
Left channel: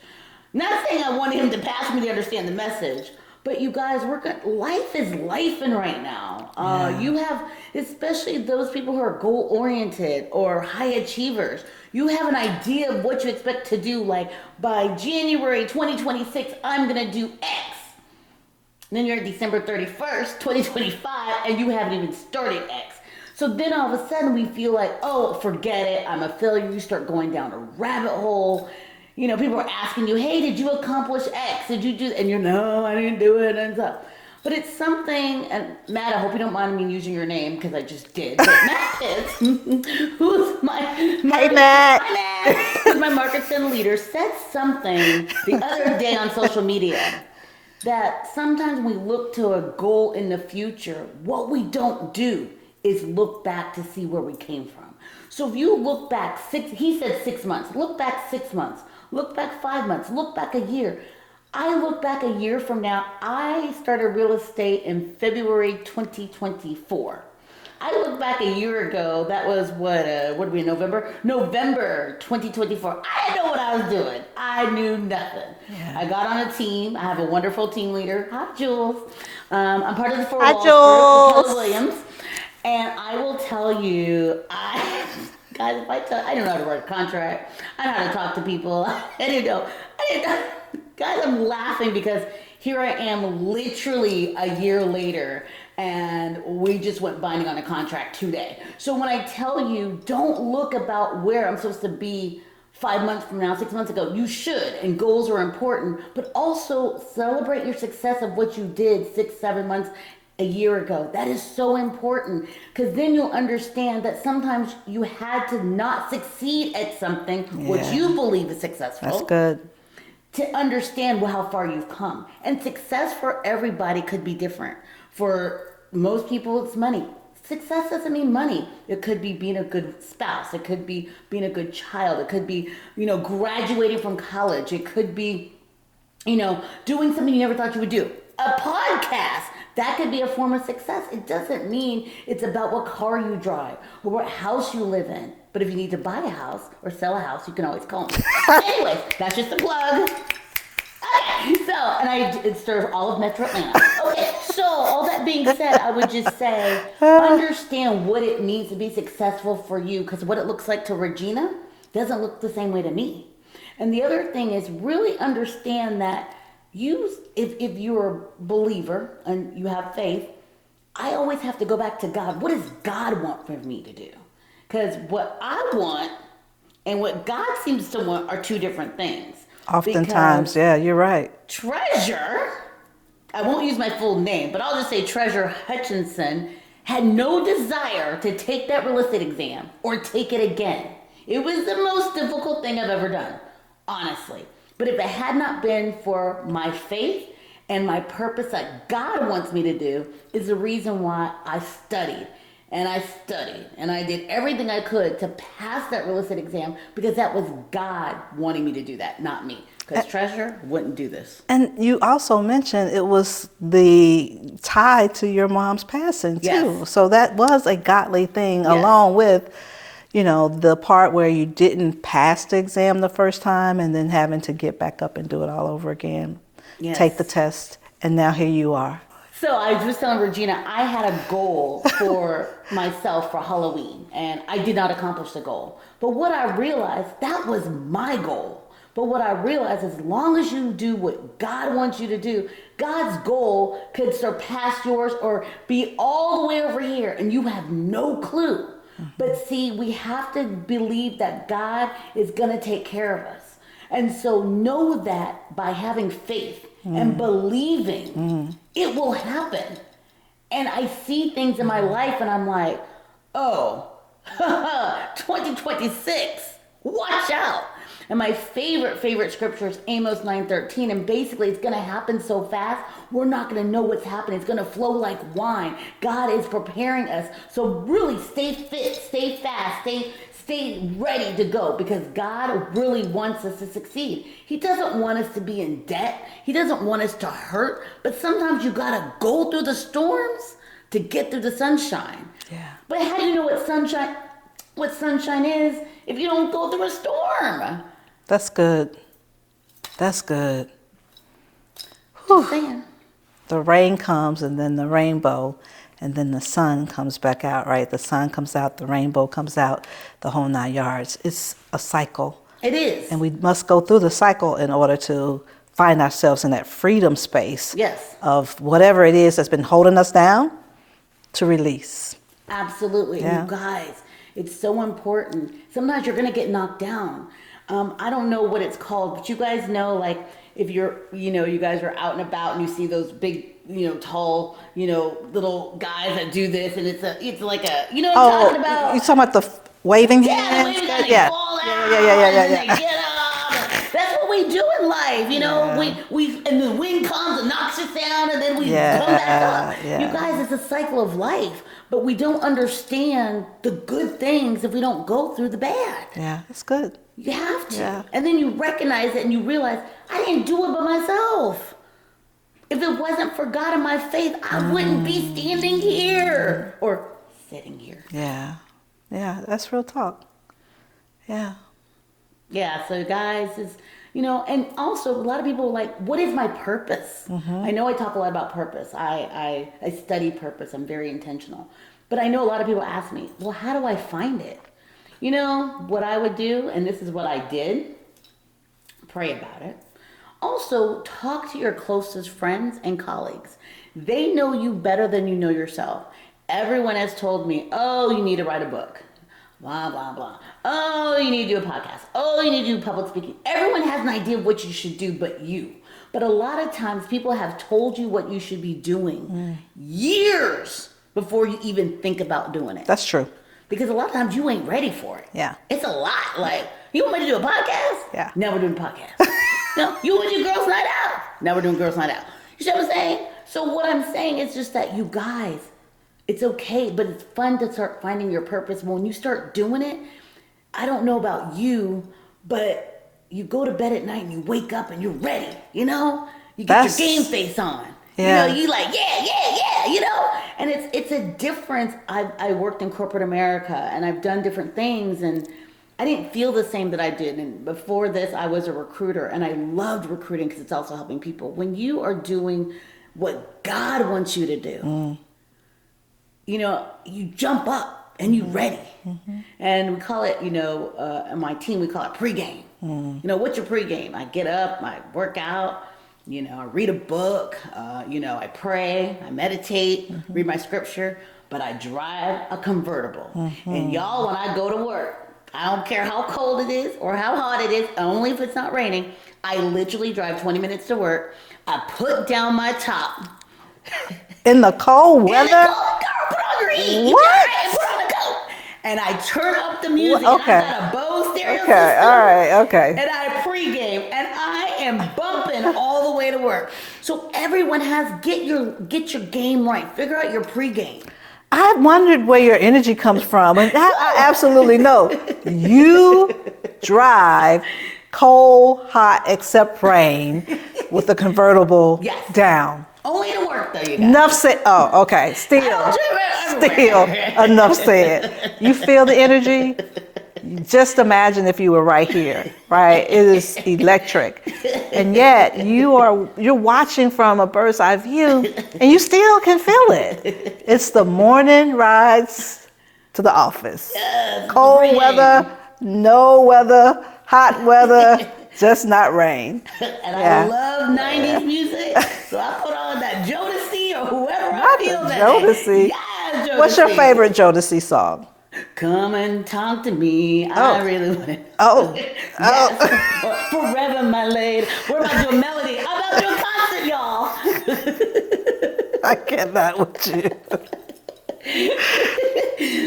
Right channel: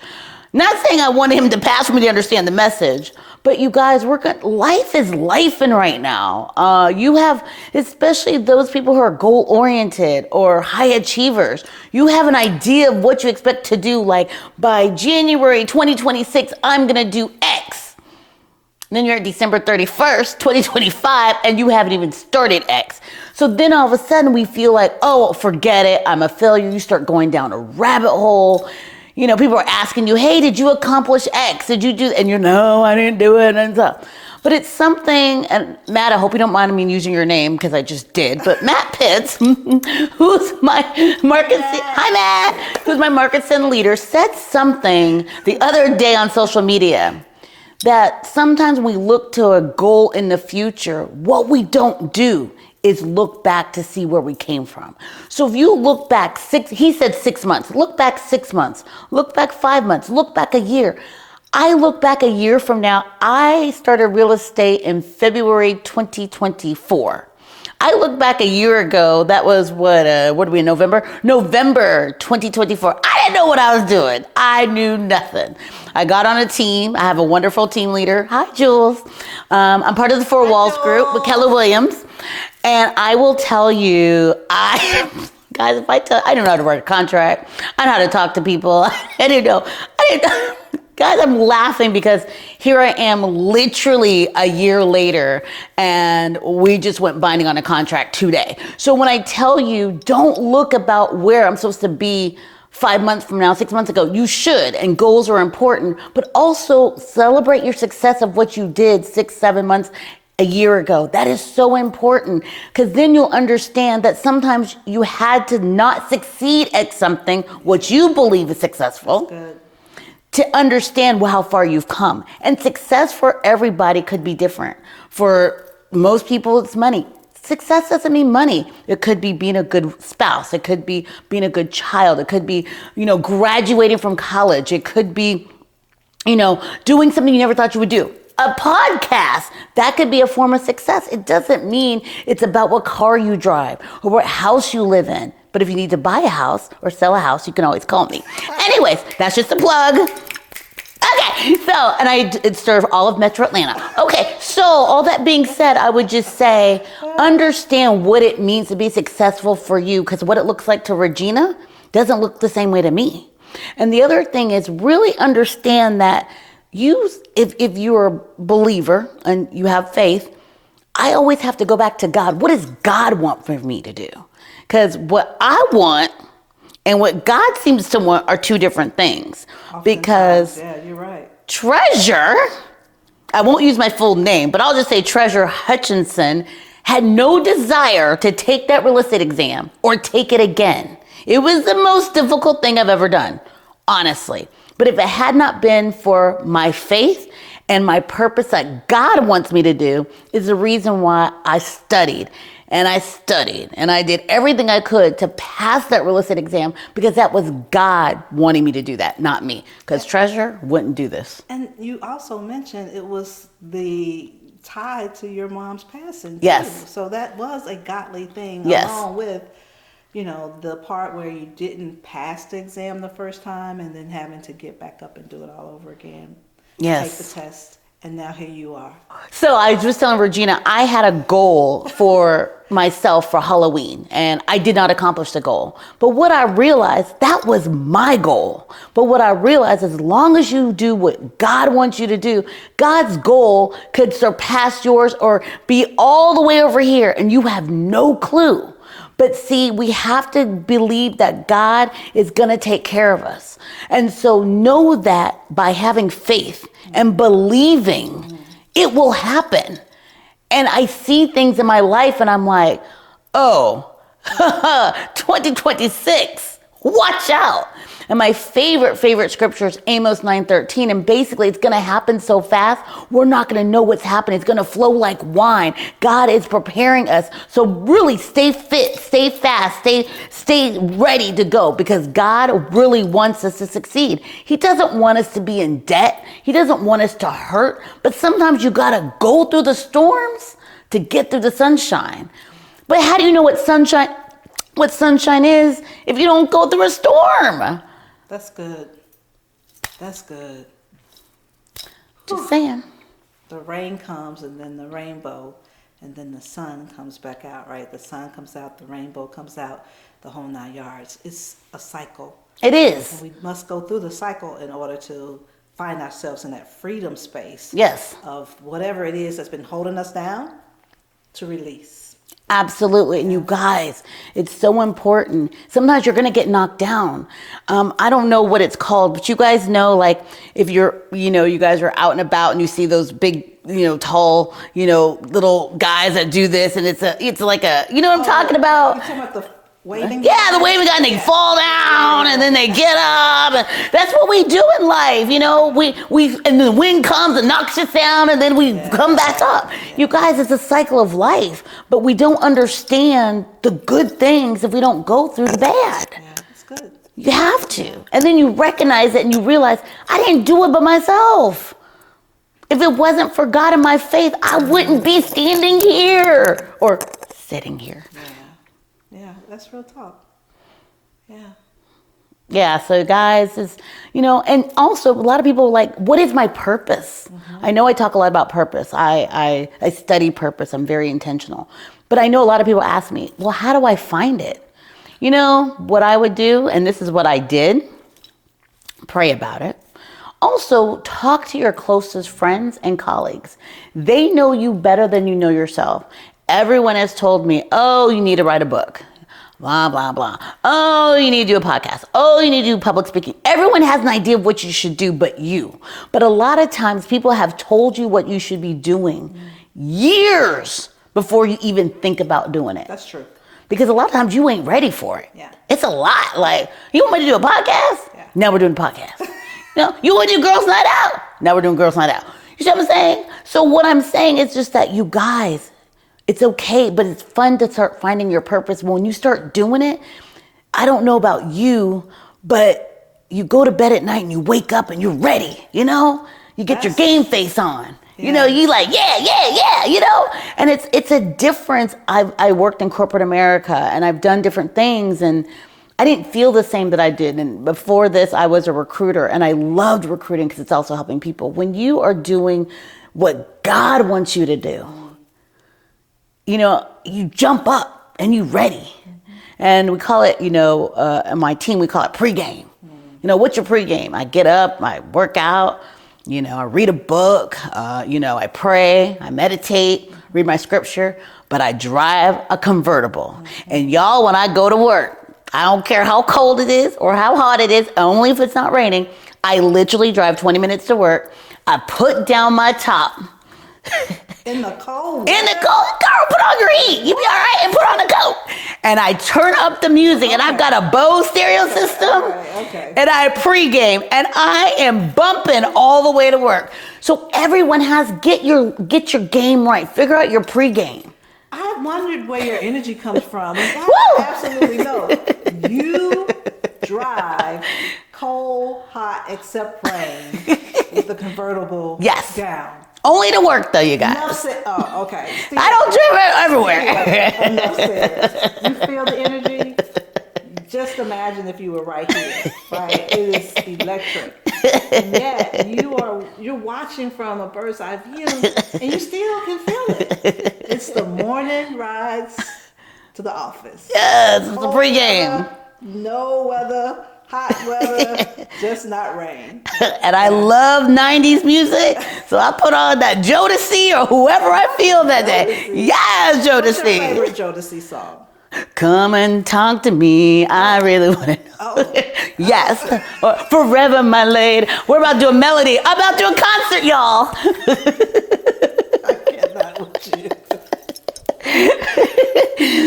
Not saying I wanted him to pass for me to understand the message, but you guys, life is lifing right now. You have, especially those people who are goal-oriented or high achievers, you have an idea of what you expect to do. Like, by January 2026, I'm gonna do X. And then you're at December 31st, 2025, and you haven't even started X. So then all of a sudden we feel like, oh, forget it, I'm a failure. You start going down a rabbit hole. People are asking you, hey, did you accomplish X? Did you do, and you're, no, I didn't do it, and stuff. But it's something, and Matt, I hope you don't mind me using your name, because I just did, but Matt Pitts, who's my who's my market center leader, said something the other day on social media, that sometimes when we look to a goal in the future, what we don't do is look back to see where we came from. So if you look back he said 6 months, look back 6 months, look back 5 months, look back a year. I look back a year from now, I started real estate in February 2024. I look back a year ago, that was what are we in November? November 2024. I didn't know what I was doing. I knew nothing. I got on a team. I have a wonderful team leader. Hi, Jules. I'm part of the Four Walls group with Keller Williams. And I will tell you, guys, I don't know how to write a contract. I know how to talk to people. I didn't know. Guys, I'm laughing because here I am literally a year later and we just went binding on a contract today. So when I tell you, don't look about where I'm supposed to be 5 months from now, 6 months ago. You should, and goals are important, but also celebrate your success of what you did 6, 7 months, a year ago. That is so important, because then you'll understand that sometimes you had to not succeed at something, what you believe is successful. That's good. To understand how far you've come. And success for everybody could be different. For most people, it's money. Success doesn't mean money. It could be being a good spouse. It could be being a good child. It could be, graduating from college. It could be, doing something you never thought you would do. A podcast, that could be a form of success. It doesn't mean it's about what car you drive or what house you live in. But if you need to buy a house or sell a house, you can always call me. Anyways, that's just a plug. Okay, so, and I serve all of Metro Atlanta. Okay, so all that being said, I would just say, understand what it means to be successful for you, because what it looks like to Regina doesn't look the same way to me. And the other thing is really understand that if you're a believer and you have faith, I always have to go back to God. What does God want for me to do? Because what I want and what God seems to want are two different things. Oftentimes, yeah, you're right. Treasure, I won't use my full name, but I'll just say Treasure Hutchinson had no desire to take that real estate exam or take it again. It was the most difficult thing I've ever done, honestly. But if it had not been for my faith and my purpose that God wants me to do, is the reason why I studied. And I studied and I did everything I could to pass that real estate exam, because that was God wanting me to do that, not me. Because Treasure wouldn't do this. And you also mentioned it was the tie to your mom's passing too. Yes. So that was a godly thing, Yes. along with, the part where you didn't pass the exam the first time and then having to get back up and do it all over again. Yes. Take the test, and now here you are. So I was just telling Regina, I had a goal for myself for Halloween, and I did not accomplish the goal. But what I realized, that was my goal. But what I realized, as long as you do what God wants you to do, God's goal could surpass yours or be all the way over here, and you have no clue. But see, we have to believe that God is going to take care of us. And so know that by having faith and believing, it will happen. And I see things in my life and I'm like, oh, 2026, watch out. And my favorite scripture is Amos 9:13. And basically it's going to happen so fast, we're not going to know what's happening. It's going to flow like wine. God is preparing us. So really stay fit, stay fast, stay ready to go, because God really wants us to succeed. He doesn't want us to be in debt. He doesn't want us to hurt. But sometimes you got to go through the storms to get through the sunshine. Yeah. But how do you know what sunshine is if you don't go through a storm? That's good. That's good. Just saying. The rain comes, and then the rainbow, and then the sun comes back out, right? The sun comes out, the rainbow comes out, the whole 9 yards. It's a cycle. It is. And we must go through the cycle in order to find ourselves in that freedom space. Yes. Of whatever it is that's been holding us down, to release. Absolutely. Yeah. You guys, it's so important. Sometimes you're going to get knocked down. I don't know what it's called, but you guys know, like, if you're, you guys are out and about and you see those big, tall, little guys that do this, and it's like a, you know what I'm talking about? You're talking about the waving? Yeah, the waving guy, and they fall down, and then they get up. And that's what we do in life, We and the wind comes and knocks us down, and then we come back up. Yeah. You guys, it's a cycle of life, but we don't understand the good things if we don't go through the bad. Yeah, it's good. You have to. Yeah. And then you recognize it and you realize, I didn't do it by myself. If it wasn't for God and my faith, I wouldn't be standing here or sitting here. Yeah. Yeah, that's real talk. Yeah. Yeah, so guys, and also a lot of people are like, what is my purpose? Mm-hmm. I know I talk a lot about purpose. I study purpose. I'm very intentional. But I know a lot of people ask me, well, how do I find it? What I would do, and this is what I did, pray about it. Also, talk to your closest friends and colleagues. They know you better than you know yourself. Everyone has told me, oh, you need to write a book. blah, blah, blah. Oh, you need to do a podcast. Oh, you need to do public speaking. Everyone has an idea of what you should do but you. But a lot of times people have told you what you should be doing years before you even think about doing it. That's true. Because a lot of times you ain't ready for it. Yeah. It's a lot. Like, you want me to do a podcast? Yeah. Now we're doing a podcast. No, you want to do Girls Night Out? Now we're doing Girls Night Out. You see what I'm saying? So what I'm saying is just that you guys, it's okay, but it's fun to start finding your purpose. When you start doing it, I don't know about you, but you go to bed at night and you wake up and you're ready, you know? You get your game face on. Yeah. You know, you like, yeah, you know? And it's a difference. I worked in corporate America and I've done different things and I didn't feel the same that I did. And before this, I was a recruiter and I loved recruiting because it's also helping people. When you are doing what God wants you to do, you know, you jump up and you ready. And we call it, you know, in my team, we call it pregame. You know, what's your pregame? I get up, I work out, you know, I read a book, you know, I pray, I meditate, read my scripture, but I drive a convertible. And y'all, when I go to work, I don't care how cold it is or how hot it is, only if it's not raining, I literally drive 20 minutes to work. I put down my top. In the cold weather? In the cold, girl, put on your heat. You be all right, and put on the coat. And I turn up the music, and I've got a Bose stereo system. All right, okay. And I pregame, and I am bumping all the way to work. So everyone has get your game right. Figure out your pregame. I wondered where your energy comes from, and I absolutely know. You drive cold, hot, except rain with the convertible down. Only to work, though, you guys. Enough said. Oh, okay. Still, I don't drive everywhere. Still, enough said. You feel the energy? Just imagine if you were right here, right? It is electric. And yet you're watching from a bird's eye view and you still can feel it. It's the morning rides to the office. Yes, cold weather, no weather, hot weather, just not rain. And I love 90s music, so I put on that Jodeci or whoever I feel that day. Yes, Jodeci. What's your favorite Jodeci song? Come and talk to me. I really want to know. Oh. Yes. Or Forever, my lady. We're about to do a melody. I'm about to do a concert, y'all. I cannot with you.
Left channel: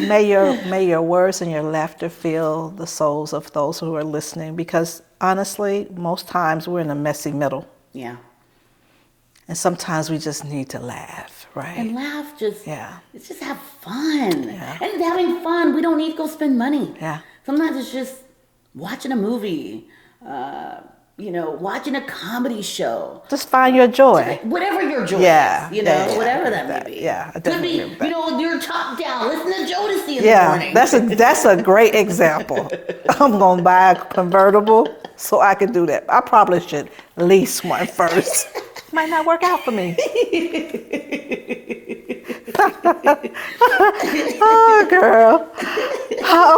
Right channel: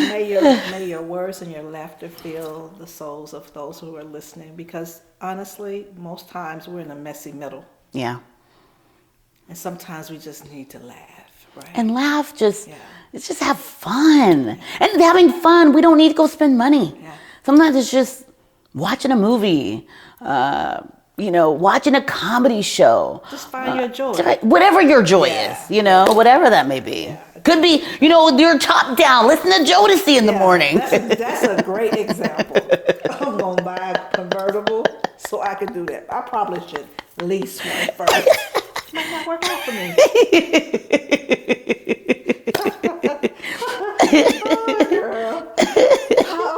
May your words and your laughter fill the souls of those who are listening, because honestly, most times we're in a messy middle. Yeah. And sometimes we just need to laugh, right? And laugh, it's just have fun. Yeah. And having fun, we don't need to go spend money. Yeah. Sometimes it's just watching a movie, you know, watching a comedy show. Just find your joy. Whatever your joy is, you know, whatever that may be. Yeah. Could be, you know, you're top down, listen to Jodeci in the morning. That's a great example. I'm going to buy a convertible so I can do that. I probably should lease one first. Might not work out for me. Oh, girl.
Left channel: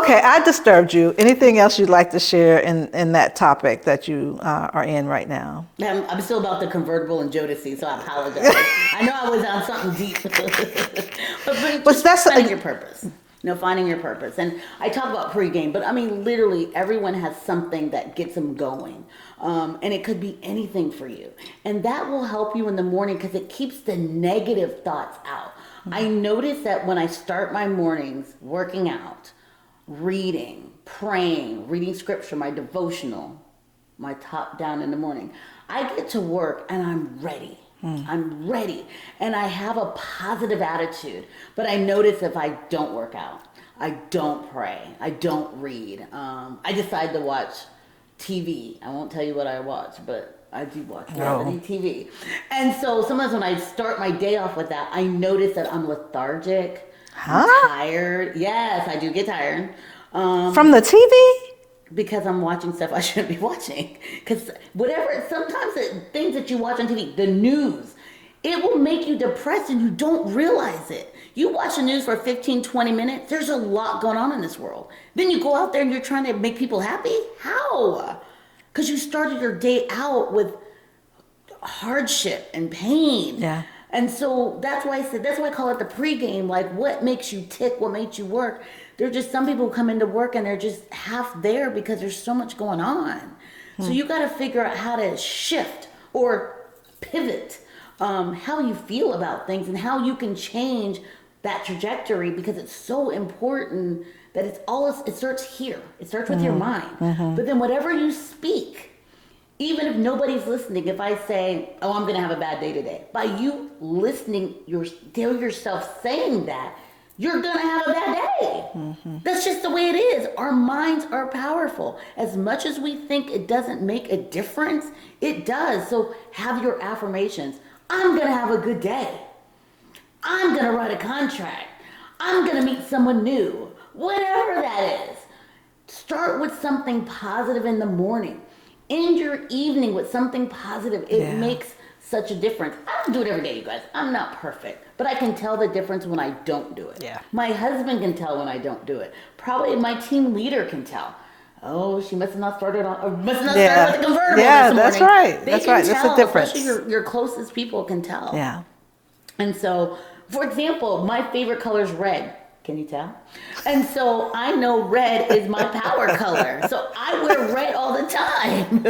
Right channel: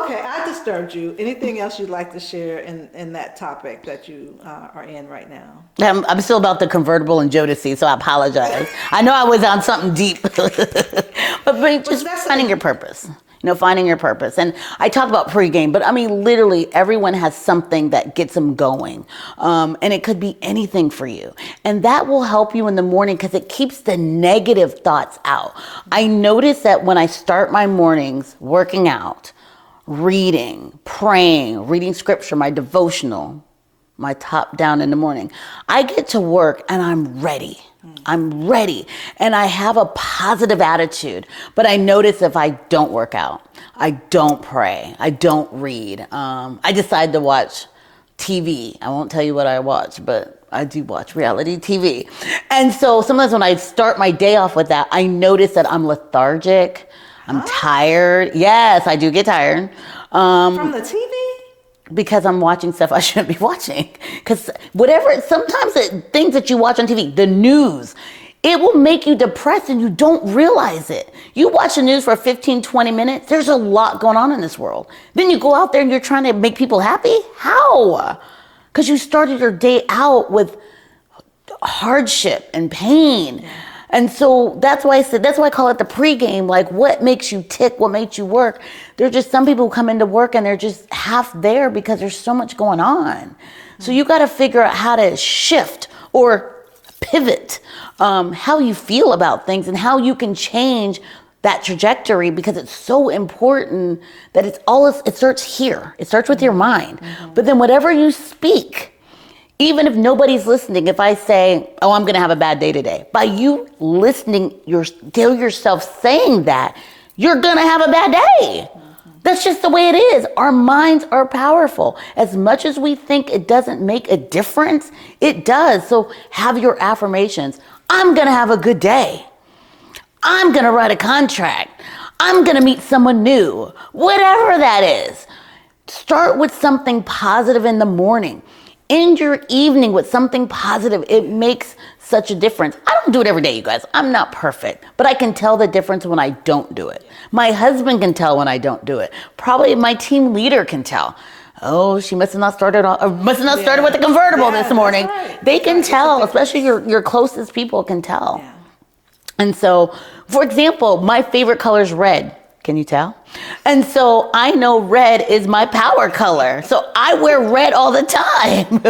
Okay, I disturbed you. Anything else you'd like to share in that topic that you are in right now? I'm still about the convertible and Jodeci, so I apologize. I know I was on something deep. but that's finding your purpose. You know, finding your purpose. And I talk about pregame, but I mean, literally everyone has something that gets them going. And it could be anything for you. And that will help you in the morning because it keeps the negative thoughts out. I notice that when I start my mornings working out, reading, praying, reading scripture, my devotional, my top down in the morning, I get to work and I'm ready. I'm ready. And I have a positive attitude. But I notice if I don't work out, I don't pray, I don't read, I decide to watch TV. I won't tell you what I watch, but I do watch reality TV. And so sometimes when I start my day off with that, I notice that I'm lethargic, I'm tired. Yes, I do get tired. From the TV? Because I'm watching stuff I shouldn't be watching. Because sometimes things that you watch on TV, the news, it will make you depressed and you don't realize it. You watch the news for 15, 20 minutes, there's a lot going on in this world. Then you go out there and you're trying to make people happy? How? Because you started your day out with hardship and pain. Yeah. And so that's why I call it the pregame. Like, what makes you tick? What makes you work? There's just some people who come into work and they're just half there because there's so much going on. So you got to figure out how to shift or pivot how you feel about things and how you can change that trajectory, because it's so important that it starts here. It starts with your mind. But then whatever you speak, even if nobody's listening, if I say, oh, I'm going to have a bad day today, by you listening, tell yourself saying that, you're going to have a bad day. That's just the way it is. Our minds are powerful. As much as we think it doesn't make a difference, it does. So have your affirmations. I'm going to have a good day. I'm going to write a contract. I'm going to meet someone new. Whatever that is. Start with something positive in the morning. End your evening with something positive. It makes such a difference. I don't do it every day, you guys. I'm not perfect, but I can tell the difference when I don't do it. Yeah. My husband can tell when I don't do it. Probably my team leader can tell. Oh, she must have not started with the convertible this morning. That's right. They can tell, especially your closest people can tell. Yeah. And so, for example, my favorite color is red. Can you tell? And so I know red is my power color. So I wear red all the time.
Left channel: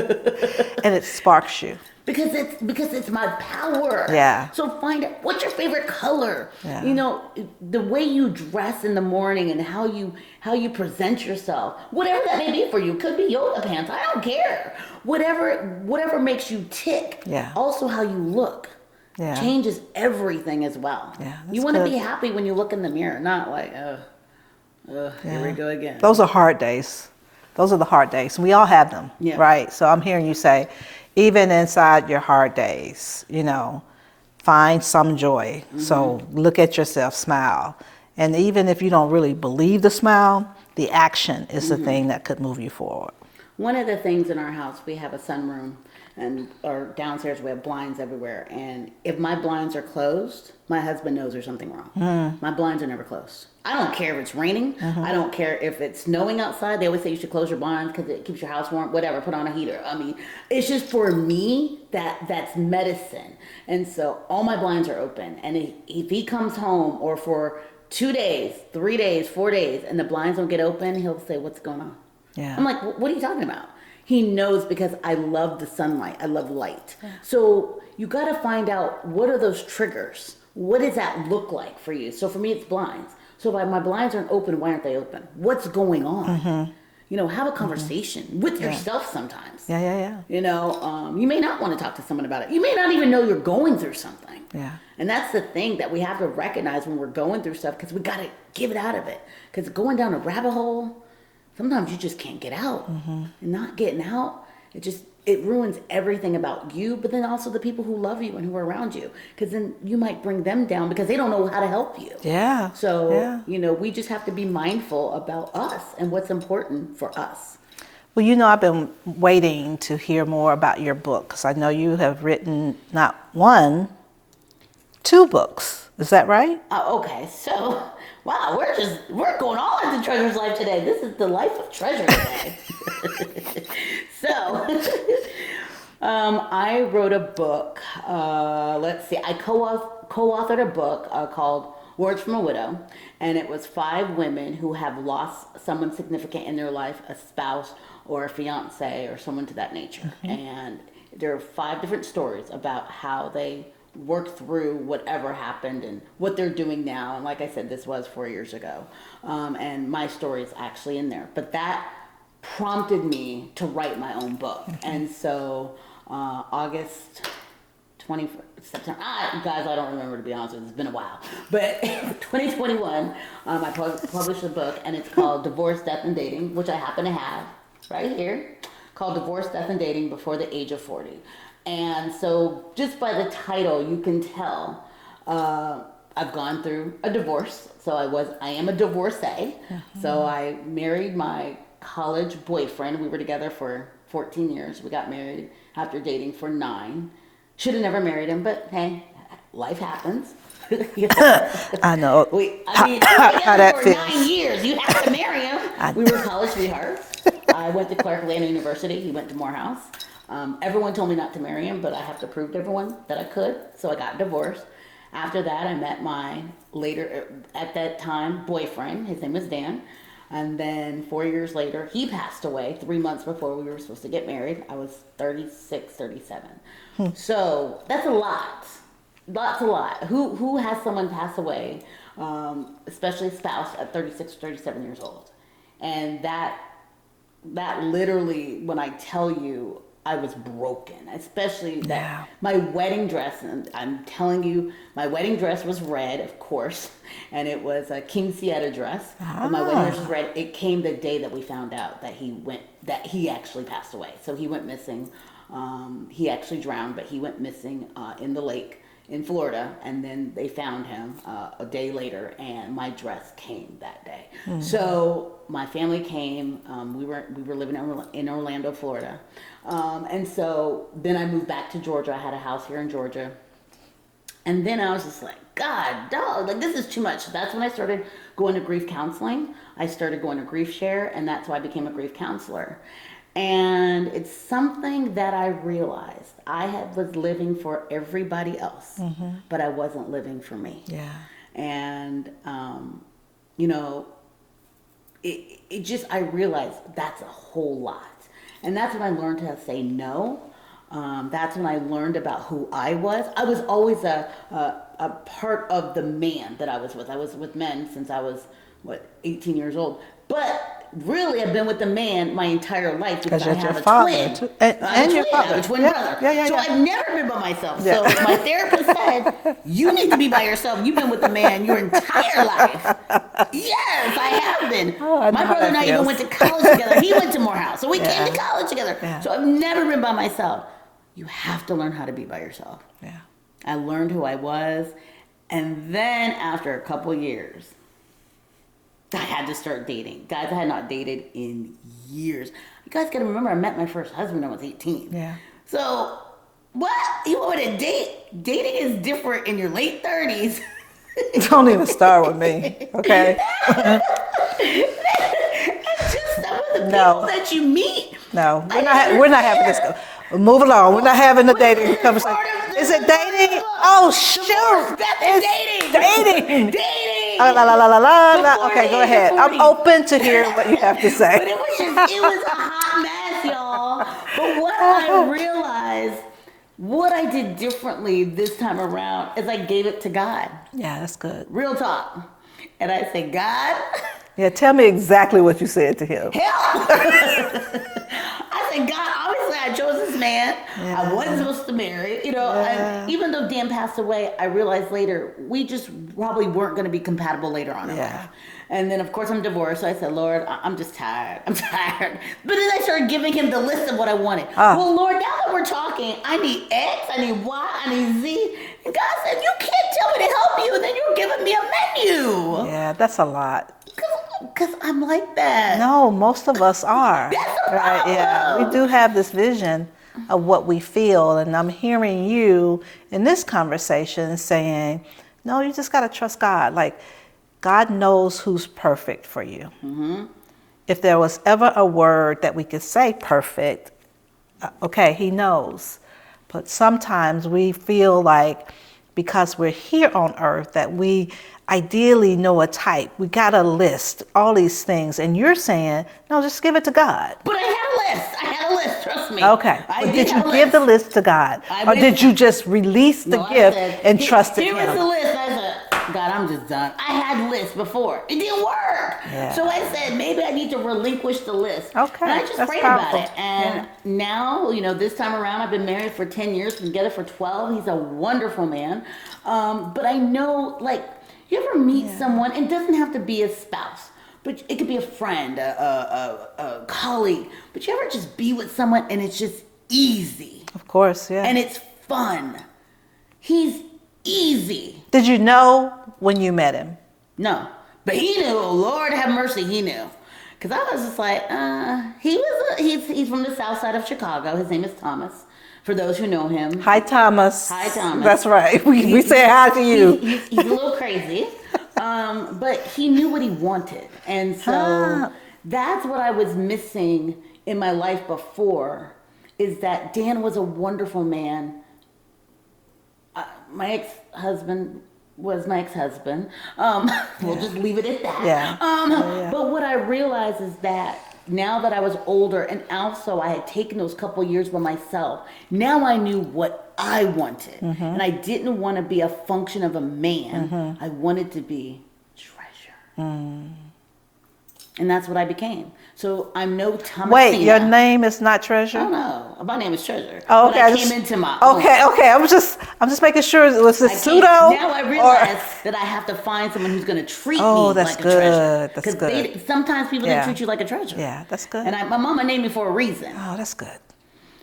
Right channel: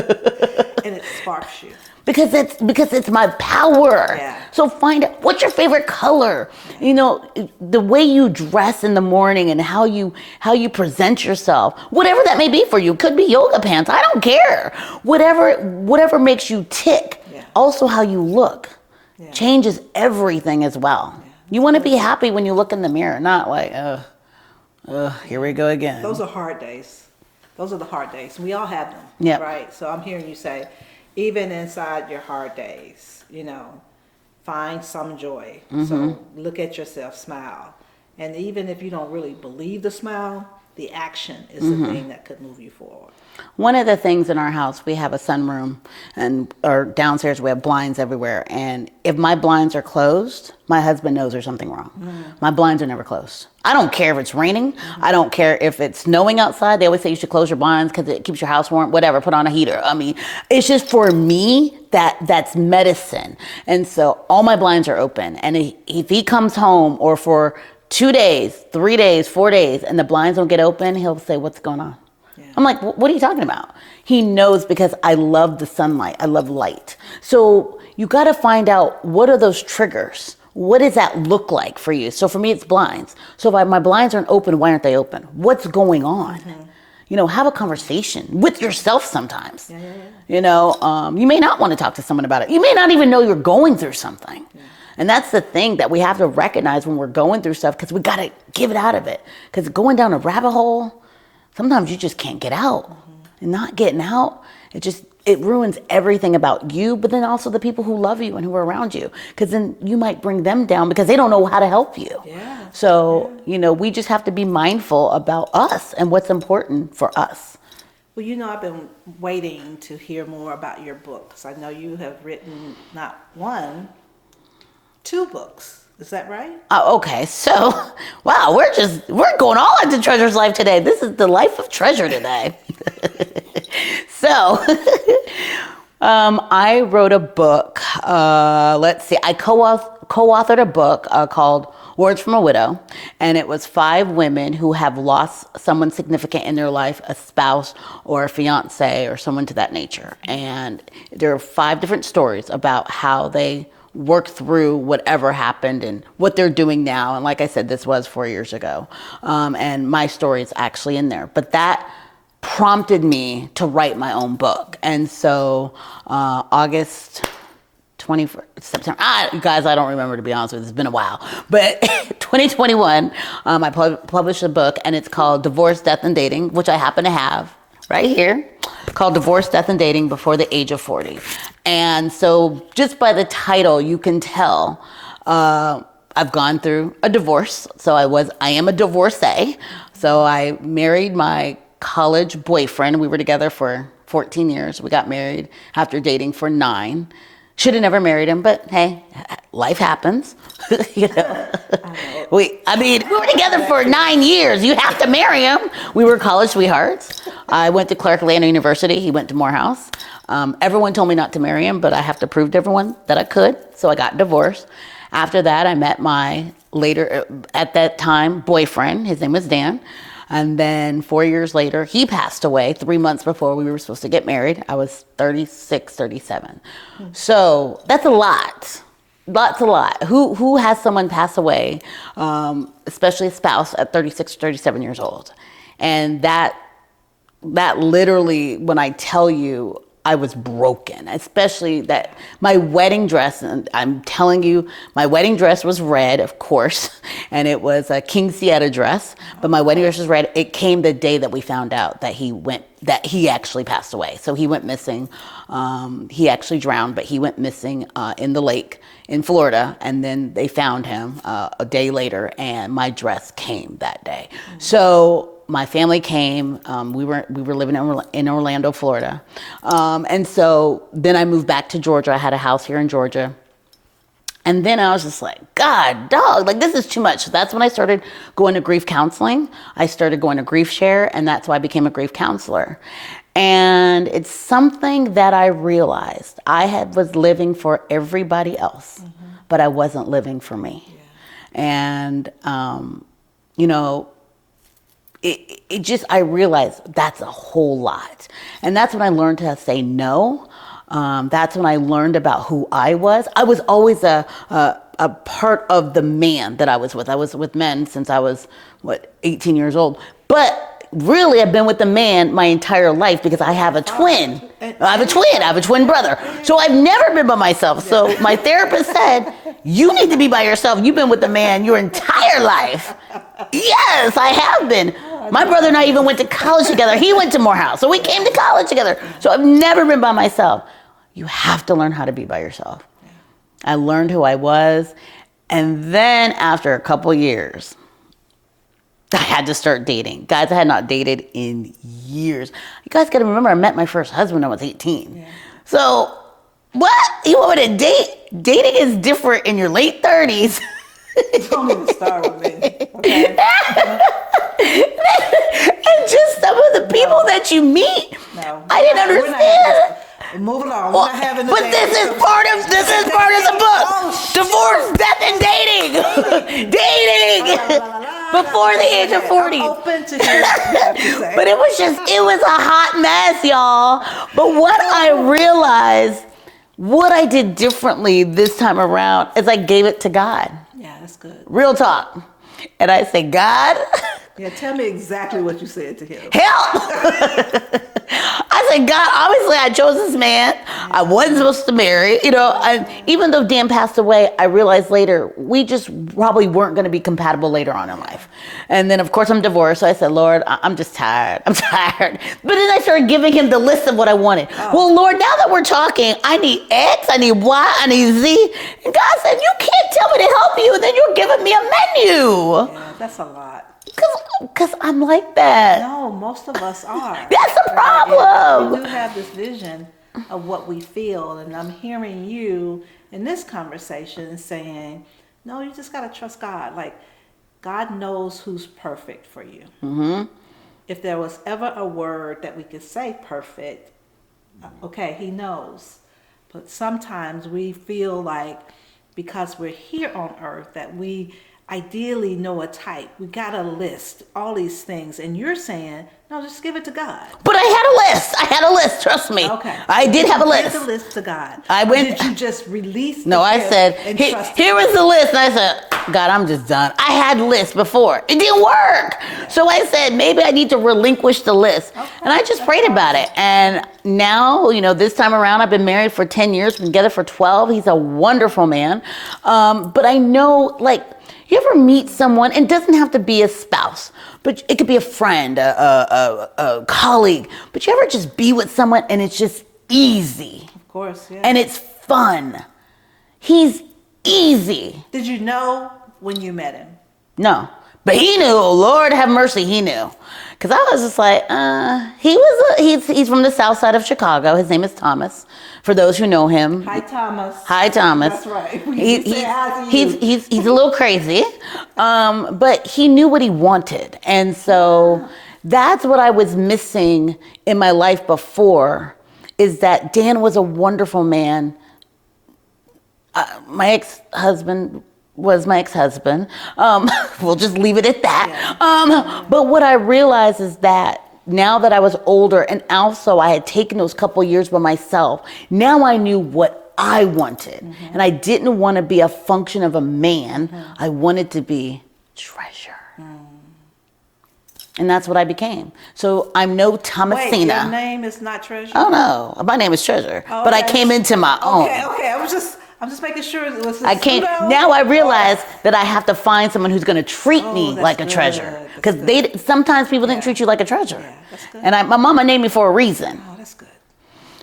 And it sparks you. Because it's my power. Yeah. So find out, what's your favorite color? Yeah. You know, the way you dress in the morning and how you present yourself, whatever that may be for you. Could be yoga pants. I don't care. Whatever makes you tick. Yeah. Also how you look. Yeah. Changes everything as well. Yeah, you want to be happy when you look in the mirror, not like, here we go again. Those are hard days. Those are the hard days. We all have them, right? So I'm hearing you say, even inside your hard days, find some joy. So look at yourself, smile. And even if you don't really believe the smile, the action is the thing that could move you forward. One of the things in our house, we have a sunroom, or downstairs we have blinds everywhere. And if my blinds are closed, my husband knows there's something wrong. My blinds are never closed. I don't care if it's raining. I don't care if it's snowing outside. They always say you should close your blinds because it keeps your house warm, whatever, put on a heater. I mean, it's just for me, that's medicine. And so all my blinds are open. And if he comes home or for 2 days, 3 days, 4 days, and the blinds don't get open, he'll say, what's going on? Yeah. I'm like, what are you talking about? He knows because I love the sunlight. I love light. So you got to find out, what are those triggers? What does that look like for you? So for me, it's blinds. So if my blinds aren't open, why aren't they open? What's going on? Have a conversation with yourself sometimes. You may not want to talk to someone about it. You may not even know you're going through something. Yeah. And that's the thing that we have to recognize when we're going through stuff, because we got to give it out of it. Because going down a rabbit hole, sometimes you just can't get out. And not getting out, it ruins everything about you, but then also the people who love you and who are around you. Because then you might bring them down because they don't know how to help you. Yeah. So, we just have to be mindful about us and what's important for us. Well, I've been waiting to hear more about your book, because I know you have written not one, 2 books. Is that right? Okay, so, wow, we're going all into Treasure's life today. This is the life of Treasure today. So, I wrote a book. I co-authored a book called Words from a Widow, and it was 5 women who have lost someone significant in their life, a spouse or a fiance or someone to that nature. And there are 5 different stories about how they work through whatever happened and what they're doing now. And like I said, this was 4 years ago. And my story is actually in there. But that prompted me to write my own book. And so August 21st, September, you guys, I don't remember, to be honest with you. It's been a while. But 2021, I published a book, and it's called Divorce, Death, and Dating, which I happen to have right here, called Divorce, Death, and Dating Before the Age of 40. And so just by the title, you can tell I've gone through a divorce. So I am a divorcee. So I married my college boyfriend. We were together for 14 years. We got married after dating for 9. Should have never married him, but hey, life happens. I know. We were together for 9 years. You have to marry him. We were college sweethearts. I went to Clark Atlanta University. He went to Morehouse. Everyone told me not to marry him, but I have to prove to everyone that I could. So I got divorced. After that, I met my at that time, boyfriend. His name was Dan. And then 4 years later, he passed away 3 months before we were supposed to get married. I was 36, 37. So that's a lot. That's a lot. Who has someone pass away, especially a spouse at 36, 37 years old? And that literally, when I tell you, I was broken, especially that my wedding dress, and I'm telling you, my wedding dress was red, of course, and it was a King Sietta dress, but my wedding dress was red. It came the day that we found out that he actually passed away. So he went missing. He actually drowned, but he went missing in the lake in Florida, and then they found him a day later, and my dress came that day. So my family came. We were living in Orlando, Florida, and so then I moved back to Georgia. I had a house here in Georgia, and then I was just like, God, dog, like this is too much. So that's when I started going to grief counseling. I started going to Grief Share, and that's why I became a grief counselor. And it's something that I realized was living for everybody else, but I wasn't living for me. Yeah. And, you know, I realized that's a whole lot. And that's when I learned to say no. That's when I learned about who I was. I was always a part of the man that I was with. I was with men since I was, 18 years old. But really, I've been with the man my entire life because I have a twin. I have a twin brother. So I've never been by myself. So my therapist said, you need to be by yourself. You've been with the man your entire life. Yes, I have been. My brother and I even went to college together. He went to Morehouse. So we came to college together. So I've never been by myself. You have to learn how to be by yourself. I learned who I was. And then after a couple years, I had to start dating. Guys, I had not dated in years. You guys got to remember, I met my first husband when I was 18. Yeah. So, what? You want me to date? Dating is different in your late 30s. Don't even start with me, okay? And just some of the people that you meet. No, I didn't understand. We're not having this. Move along. We're not having the dating. This is part of the book. Oh, divorce, death, and dating. Dating. Before the age of 40. I'm open to hear what you have to say. But it was a hot mess, y'all. But what I realized, what I did differently this time around is I gave it to God. Yeah, that's good. Real talk. And I said, God. Yeah, tell me exactly what you said to him. Help! I said, God, obviously I chose this man. I wasn't supposed to marry, and even though Dan passed away, I realized later, we just probably weren't going to be compatible later on in life. And then, of course, I'm divorced. So I said, Lord, I'm just tired. I'm tired. But then I started giving him the list of what I wanted. Well, Lord, now that we're talking, I need X, I need Y, I need Z. And God said, you can't tell me to help you, and then you're giving me a menu. Yeah, that's a lot. Because I'm like that. No, most of us are. That's the problem. Yeah. We do have this vision of what we feel, and I'm hearing you in this conversation saying, no, you just got to trust God. Like, God knows who's perfect for you. If there was ever a word that we could say perfect, okay, he knows. But sometimes we feel like because we're here on earth that we ideally know a type. We got a list, all these things. And you're saying, no, just give it to God. But I had a list, trust me. Okay. I did have a list. Give the list to God. Or did you just release the gift I said, and trust here was the list. And I said, God, I'm just done. I had lists before. It didn't work. Yeah. So I said, maybe I need to relinquish the list. Okay. And I just prayed about it. And now, this time around, I've been married for 10 years, been together for 12. He's a wonderful man. But I know, you ever meet someone, and it doesn't have to be a spouse, but it could be a friend, a colleague, but you ever just be with someone and it's just easy? Of course, yeah. And it's fun. He's easy. Did you know when you met him? No, but he knew. Lord have mercy, he knew. Because I was just like, he's from the south side of Chicago. His name is Thomas. For those who know him. Hi, Thomas. Hi, Thomas. That's right. We say hi to you. He's a little crazy, but he knew what he wanted. And so that's what I was missing in my life before, is that Dan was a wonderful man. My ex-husband was my ex-husband. We'll just leave it at that. Yeah. But what I realized is that now that I was older, and also I had taken those couple years by myself, now I knew what I wanted. And I didn't want to be a function of a man. I wanted to be treasure. And that's what I became. So I'm no Thomasina. Wait, your name is not Treasure? Oh no, my name is Treasure. Oh, but okay. I came into my own. Okay. I'm just making sure it was a pseudo. Now I realize that I have to find someone who's going to treat me like a treasure. Because sometimes people didn't treat you like a treasure. Yeah, that's good. And my mama named me for a reason. Oh, that's good.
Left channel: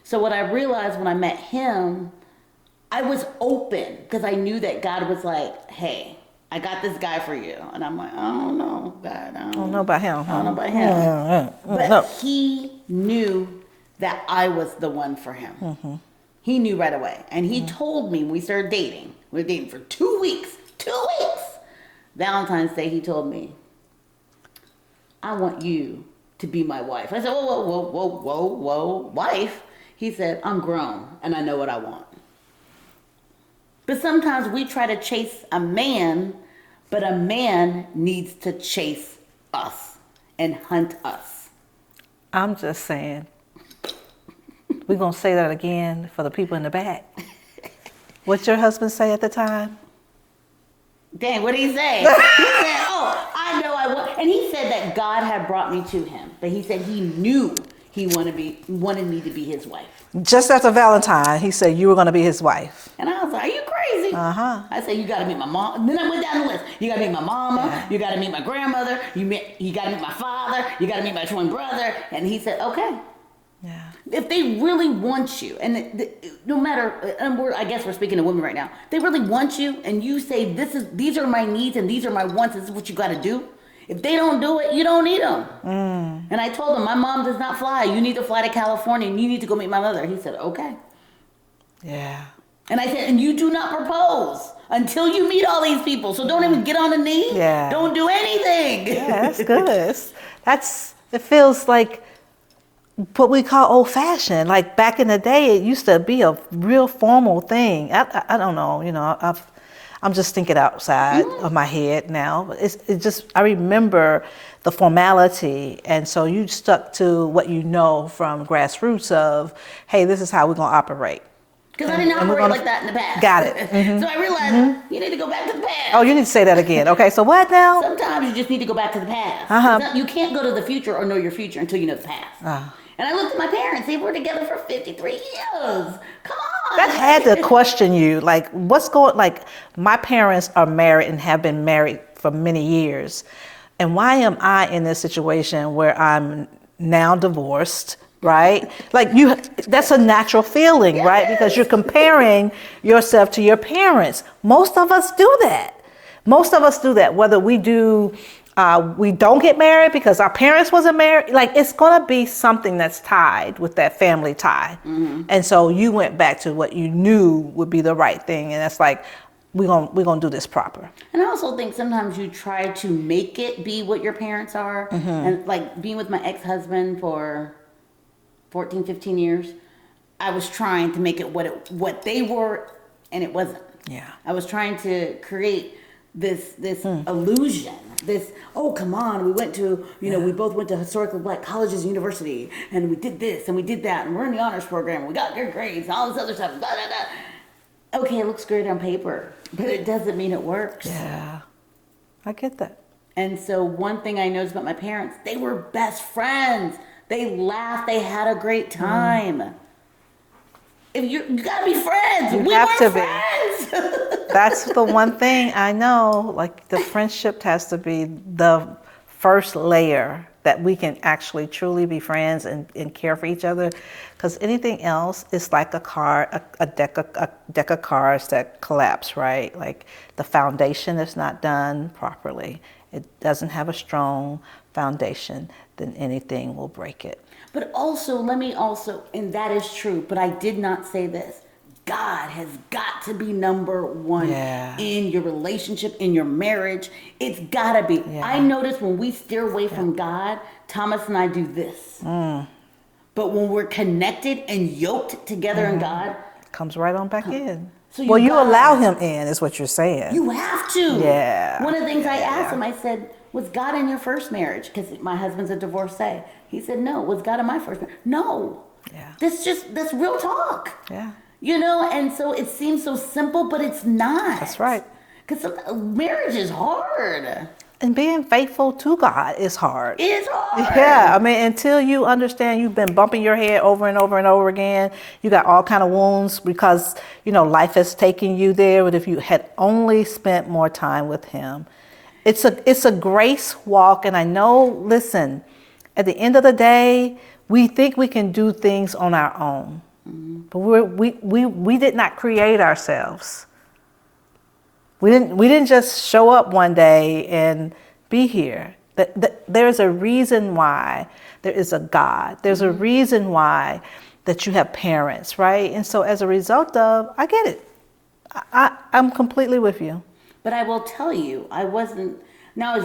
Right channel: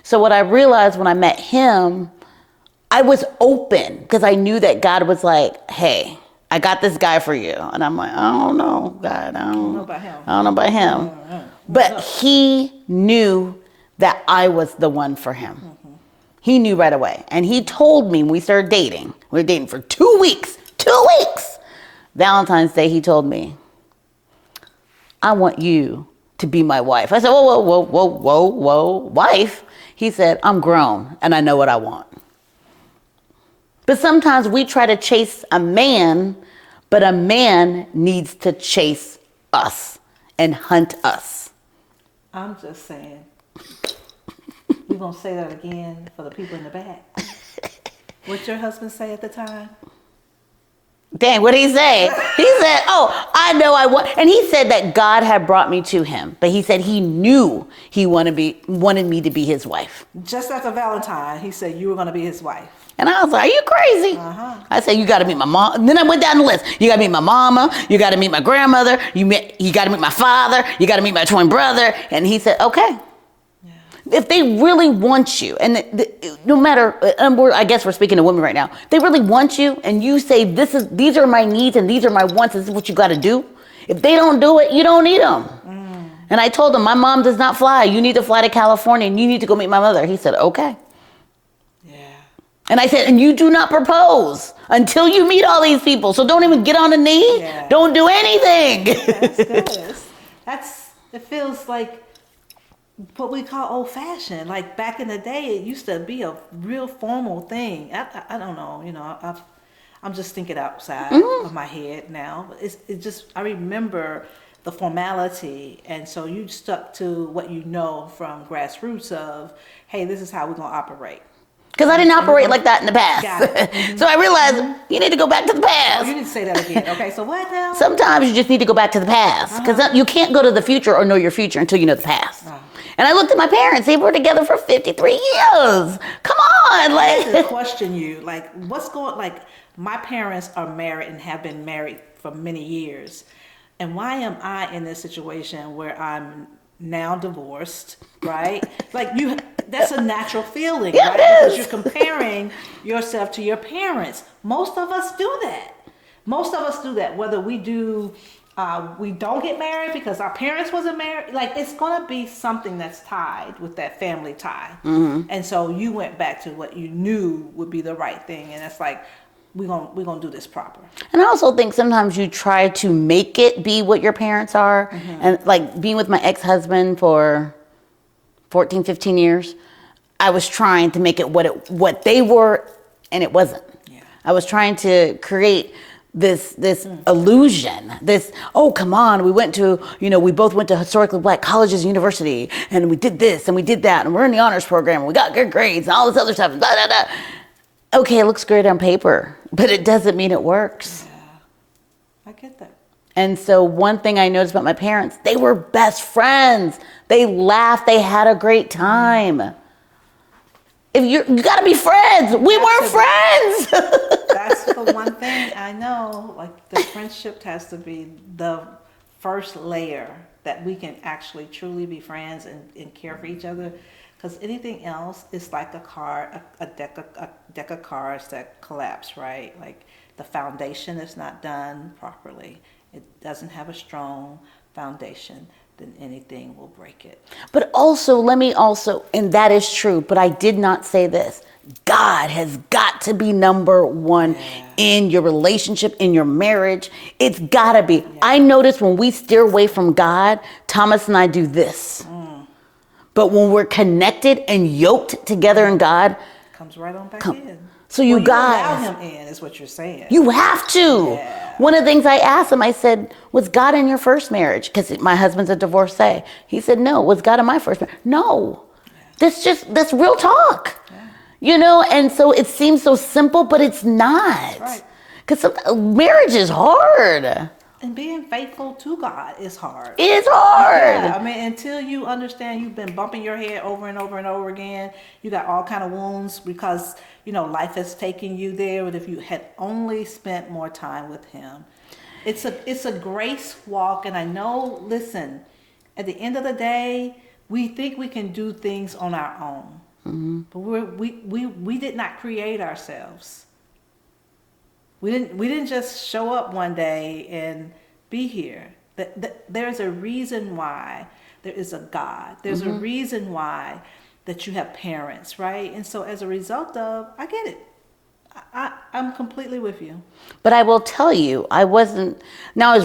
So what I realized when I met him, I was open because I knew that God was like, hey, I got this guy for you. And I'm like, I don't know, God. I don't know about him. I don't know about him. But he knew that I was the one for him. He knew right away. And he told me when we started dating, we were dating for 2 weeks. 2 weeks. Valentine's Day, he told me, I want you to be my wife. I said, whoa, wife? He said, I'm grown and I know what I want. But sometimes we try to chase a man, but a man needs to chase us and hunt us. I'm just saying. We're going to say that again for the people in the back. What'd your husband say at the time? Dang, what did he say? He said, oh, I know I want. And he said that God had brought me to him. But he said he knew he wanted me to be his wife. Just after Valentine, he said you were going to be his wife. And I was like, are you crazy? I said, you got to meet my mom. And then I went down the list. You got to meet my mama. You got to meet my grandmother. You got to meet my father. You got to meet my twin brother. And he said, okay. If they really want you, and no matter, I guess we're speaking to women right now, they really want you, and you say, these are my needs and these are my wants, this is what you got to do. If they don't do it, you don't need them. And I told him, my mom does not fly. You need to fly to California, and you need to go meet my mother. He said, okay. Yeah. And I said, and you do not propose until you meet all these people. So don't even get on a knee. Yeah. Don't do anything. Yeah, that's good. It feels like what we call old-fashioned. Like back in the day, it used to be a real formal thing. I don't know, I'm just thinking outside of my head now. I remember the formality, and so you stuck to what you know from grassroots of, hey, this is how we're gonna operate. Because I didn't operate like that in the past. Got it. So I realized you need to go back to the past. Oh, you need to say that again. Okay, so what now? Sometimes you just need to go back to the past. Because you can't go to the future or know your future until you know the past. And I looked at my parents. They were together for 53 years. Come on. I had to question you. Like, my parents are married and have been married for many years. And why am I in this situation where I'm now divorced? Right? That's a natural feeling, right? Because you're comparing yourself to your parents. Most of us do that. Whether we don't get married because our parents wasn't married. It's going to be something that's tied with that family tie. And so you went back to what you knew would be the right thing. And that's like, we're gonna do this proper. And I also think sometimes you try to make it be what your parents are. And like being with my ex-husband for 14, 15 years, I was trying to make it what they were, and it wasn't. Yeah. I was trying to create this illusion, oh, come on, we both went to historically black colleges and university, and we did this, and we did that, and we're in the honors program, and we got good grades, and all this other stuff, blah, blah, blah. Okay, it looks great on paper, but it doesn't mean it works. Yeah, I get that. And so one thing I noticed about my parents, they were best friends. They laughed. They had a great time. If you got to be friends. We weren't friends. That's the one thing I know. Like the friendship has to be the first layer that we can actually truly be friends and care for each other. Because anything else is like a deck of cards that collapse, right? Like the foundation is not done properly. It doesn't have a strong foundation, then anything will break it. But also, and that is true, but I did not say this. God has got to be number one in your relationship, in your marriage. It's got to be. Yeah. I notice when we steer away from God, Thomas and I do this. But when we're connected and yoked together in God, Comes right on back in. So you well, you guys, allow him in, is what you're saying. You have to. Yeah. One of the things I asked him, I said, was God in your first marriage? Because my husband's a divorcee. He said, no. Was God in my first marriage? No. Yeah. That's real talk. Yeah. You know, and so it seems so simple, but it's not. That's right. Because marriage is hard. And being faithful to God is hard. It is hard. Yeah, I mean, until you understand you've been bumping your head over and over and over again, you got all kind of wounds because, you know, life has taken you there. But if you had only spent more time with him, it's a grace walk. And I know, listen, at the end of the day, we think we can do things on our own. Mm-hmm. But we did not create ourselves. We didn't just show up one day and be here. There's a reason why there is a God. There's a reason why that you have parents, right? And so as a result of, I get it. I'm completely with you. But I will tell you, I was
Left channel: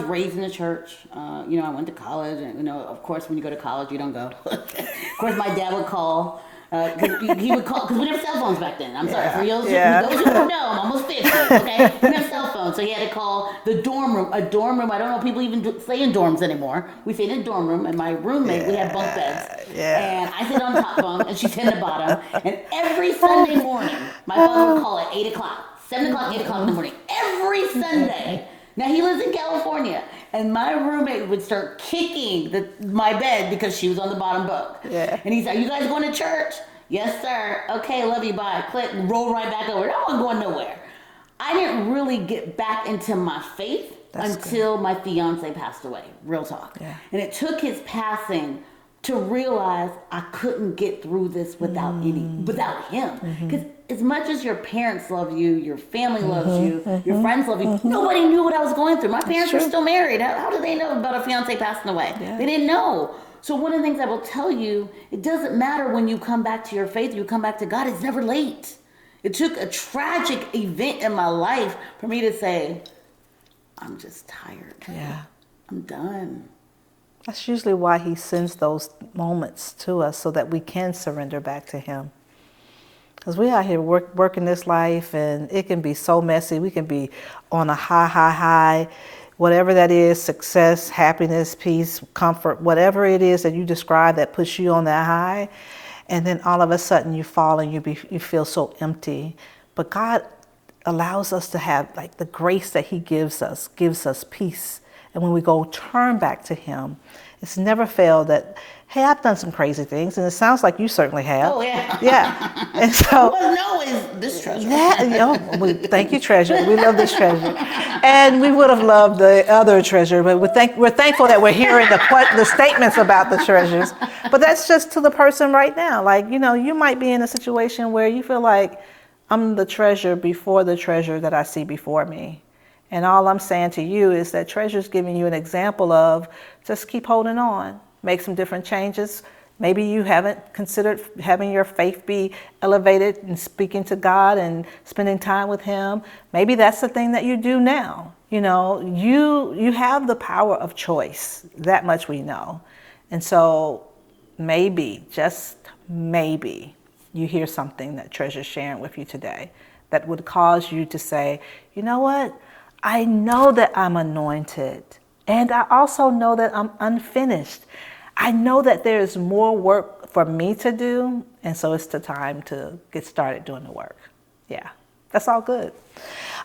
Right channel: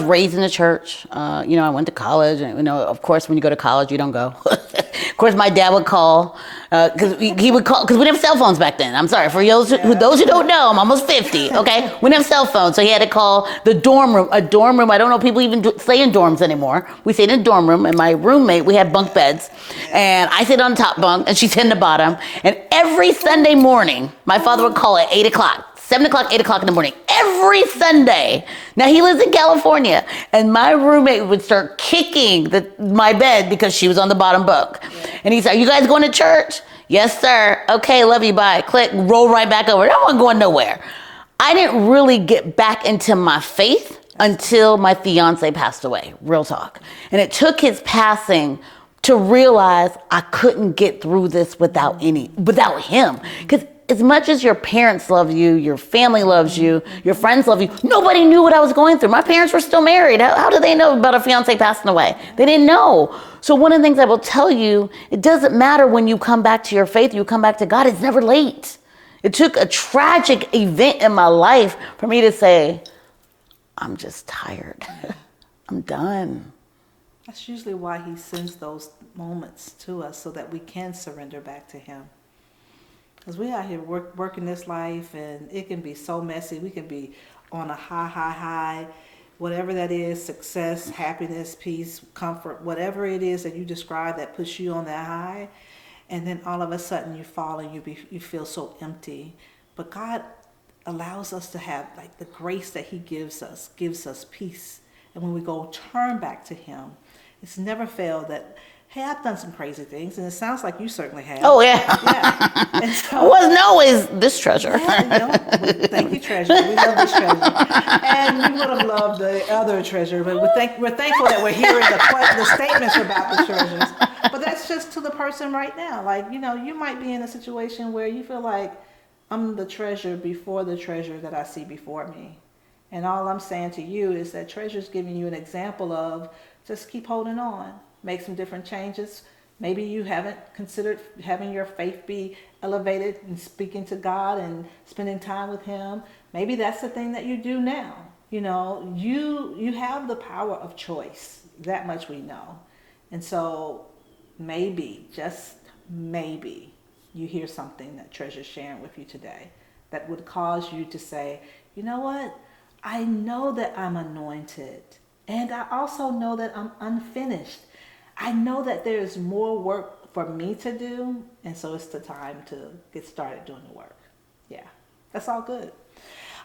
raised in the church. You know, I went to college. And, you know, of course, when you go to college, you don't go. Of course, my dad would call. Because he would call, because we didn't have cell phones back then. I'm sorry, for those who don't know, I'm almost 50, okay? We didn't have cell phones, so he had to call the dorm room. A dorm room, I don't know if people even stay in dorms anymore. We stayed in a dorm room, and my roommate, we had bunk beds. And I sit on the top bunk, and she sit in the bottom. And every Sunday morning, my father would call at 8 o'clock. 7 o'clock, 8 o'clock in the morning, every Sunday. Now, he lives in California, and my roommate would start kicking my bed because she was on the bottom bunk. Yeah. And he said, are you guys going to church? Yes, sir. Okay, love you, bye. Click, roll right back over. I wasn't going nowhere. I didn't really get back into my faith until my fiance passed away, real talk. Yeah. And it took his passing to realize I couldn't get through this without him. Because as much as your parents love you, your family loves you, your friends love you, nobody knew what I was going through. My parents were still married. How did they know about a fiance passing away? Yeah. They didn't know. So one of the things I will tell you, it doesn't matter when you come back to your faith, you come back to God, it's never late. It took a tragic event in my life for me to say, I'm just tired. Yeah. I'm done. That's usually why he sends those moments to us so that we can surrender back to him. Because we out here working this life, and it can be so messy. We can be on a high, whatever that is, success, happiness, peace, comfort, whatever it is that you describe that puts you on that high. And then all of a sudden you fall and you feel so empty. But God allows us to have, like, the grace that he gives us peace. And when we go turn back to him, it's never failed that, hey, I've done some crazy things, and it sounds like you certainly have. Oh, yeah. Yeah. And so, it wasn't always this treasure. Yeah, you know, thank you, treasure. We love this treasure. And we would have loved the other treasure, but we're thankful that we're hearing the statements about the treasures. But that's just to the person right now. Like, you know, you might be in a situation where you feel like, I'm the treasure before the treasure that I see before me. And all I'm saying to you is that treasure's giving you an example of just keep holding on. Make some different changes. Maybe you haven't considered having your faith be elevated and speaking to God and spending time with him. Maybe that's the thing that you do now. You know, you have the power of choice. That much we know. And so maybe, just maybe, you hear something that Treasure's sharing with you today that would cause you to say, you know what? I know that I'm anointed. And I also know that I'm unfinished. I know that there is more work for me to do, and so it's the time to get started doing the work. Yeah, that's all good.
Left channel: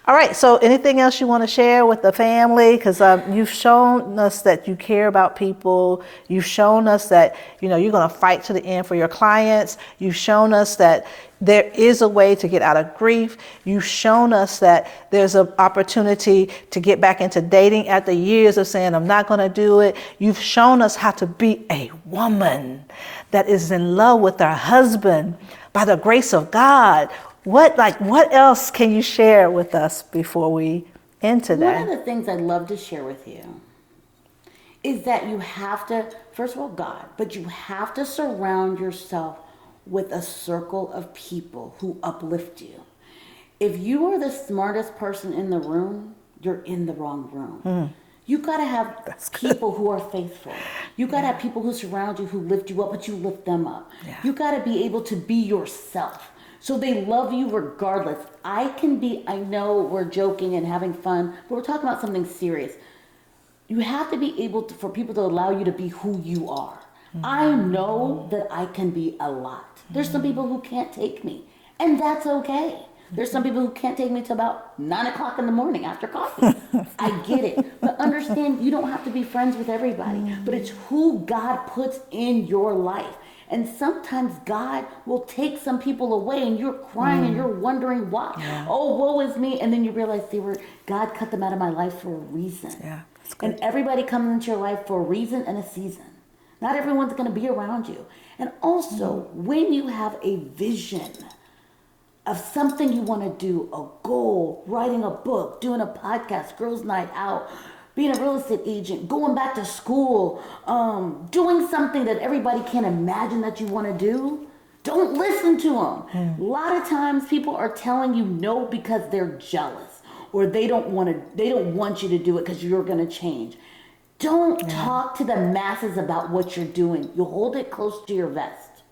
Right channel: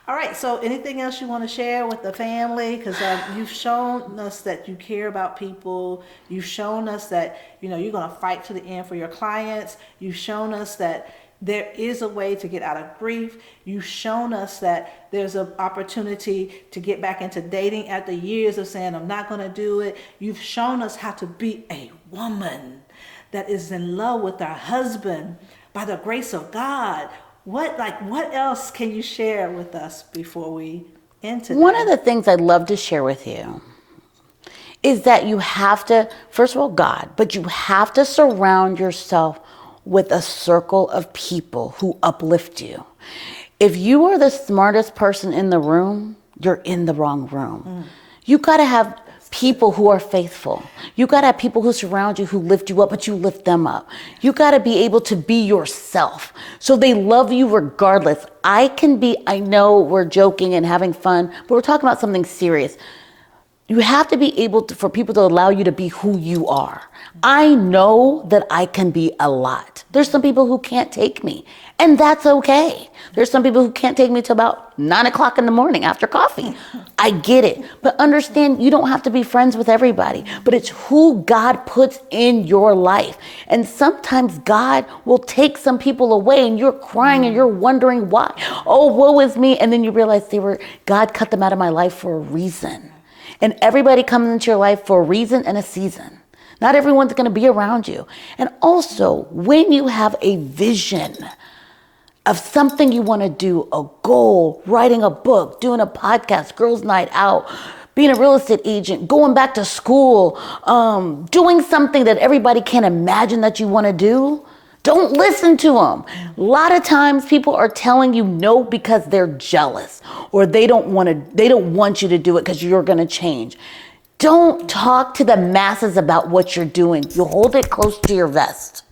All right, so anything else you want to share with the family? Because you've shown us that you care about people. You've shown us that, you know, you're going to fight to the end for your clients. You've shown us that there is a way to get out of grief. You've shown us that there's an opportunity to get back into dating after years of saying, I'm not going to do it. You've shown us how to be a woman that is in love with her husband by the grace of God. What else can you share with us before we end today? One of the things I'd love to share with you is that you have to, first of all, God, but you have to surround yourself with a circle of people who uplift you. If you are the smartest person in the room, you're in the wrong room. You got to have people who are faithful. You got to have people who surround you, who lift you up, but you lift them up. Yeah. You got to be able to be yourself. So they love you regardless. I know we're joking and having fun, but we're talking about something serious. You have to be able to, for people to allow you to be who you are. I know that I can be a lot. There's some people who can't take me, and that's okay. There's some people who can't take me till about 9 o'clock in the morning after coffee. I get it. But understand, you don't have to be friends with everybody, but it's who God puts in your life. And sometimes God will take some people away and you're crying and you're wondering why. Oh, woe is me. And then you realize God cut them out of my life for a reason. Yeah. And everybody comes into your life for a reason and a season. Not everyone's going to be around you. And also, when you have a vision of something you want to do, a goal, writing a book, doing a podcast, girls' night out, being a real estate agent, going back to school, doing something that everybody can't imagine that you want to do, don't listen to them. A lot of times people are telling you no because they're jealous or they don't want you to do it because you're going to change. Don't talk to the masses about what you're doing. You hold it close to your vest.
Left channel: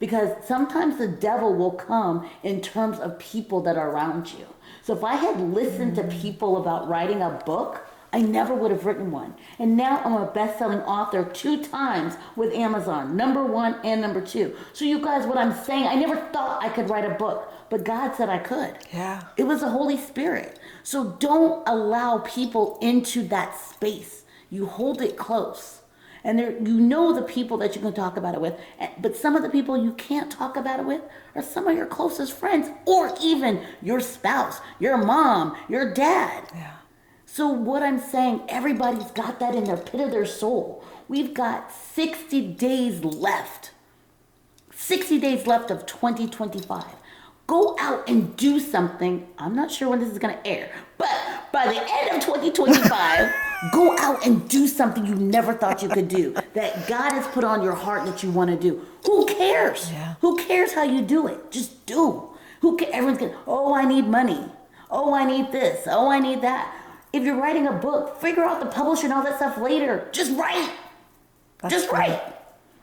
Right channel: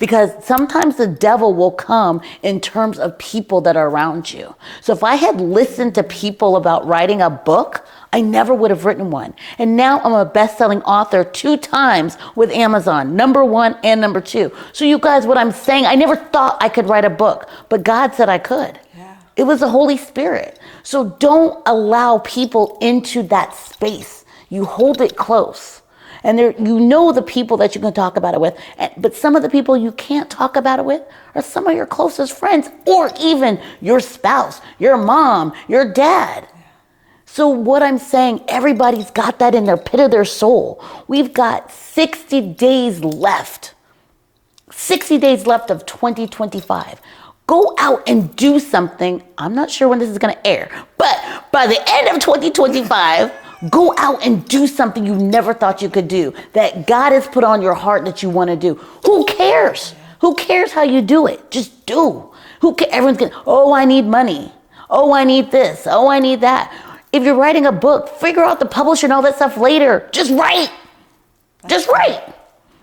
Because sometimes the devil will come in terms of people that are around you. So if I had listened to people about writing a book, I never would have written one. And now I'm a best-selling author 2 times with Amazon, #1 and #2. So you guys, what I'm saying, I never thought I could write a book, but God said I could. Yeah. It was the Holy Spirit. So don't allow people into that space. You hold it close. And the people that you can talk about it with. But some of the people you can't talk about it with are some of your closest friends or even your spouse, your mom, your dad. Yeah. So what I'm saying, everybody's got that in their pit of their soul. We've got 60 days left. 60 days left of 2025. Go out and do something. I'm not sure when this is going to air, but by the end of 2025, go out and do something you never thought you could do, that God has put on your heart that you want to do. Who cares? Yeah. Who cares how you do it? Just do. Everyone's going, oh, I need money. Oh, I need this. Oh, I need that. If you're writing a book, figure out the publisher and all that stuff later. Just write. Just write.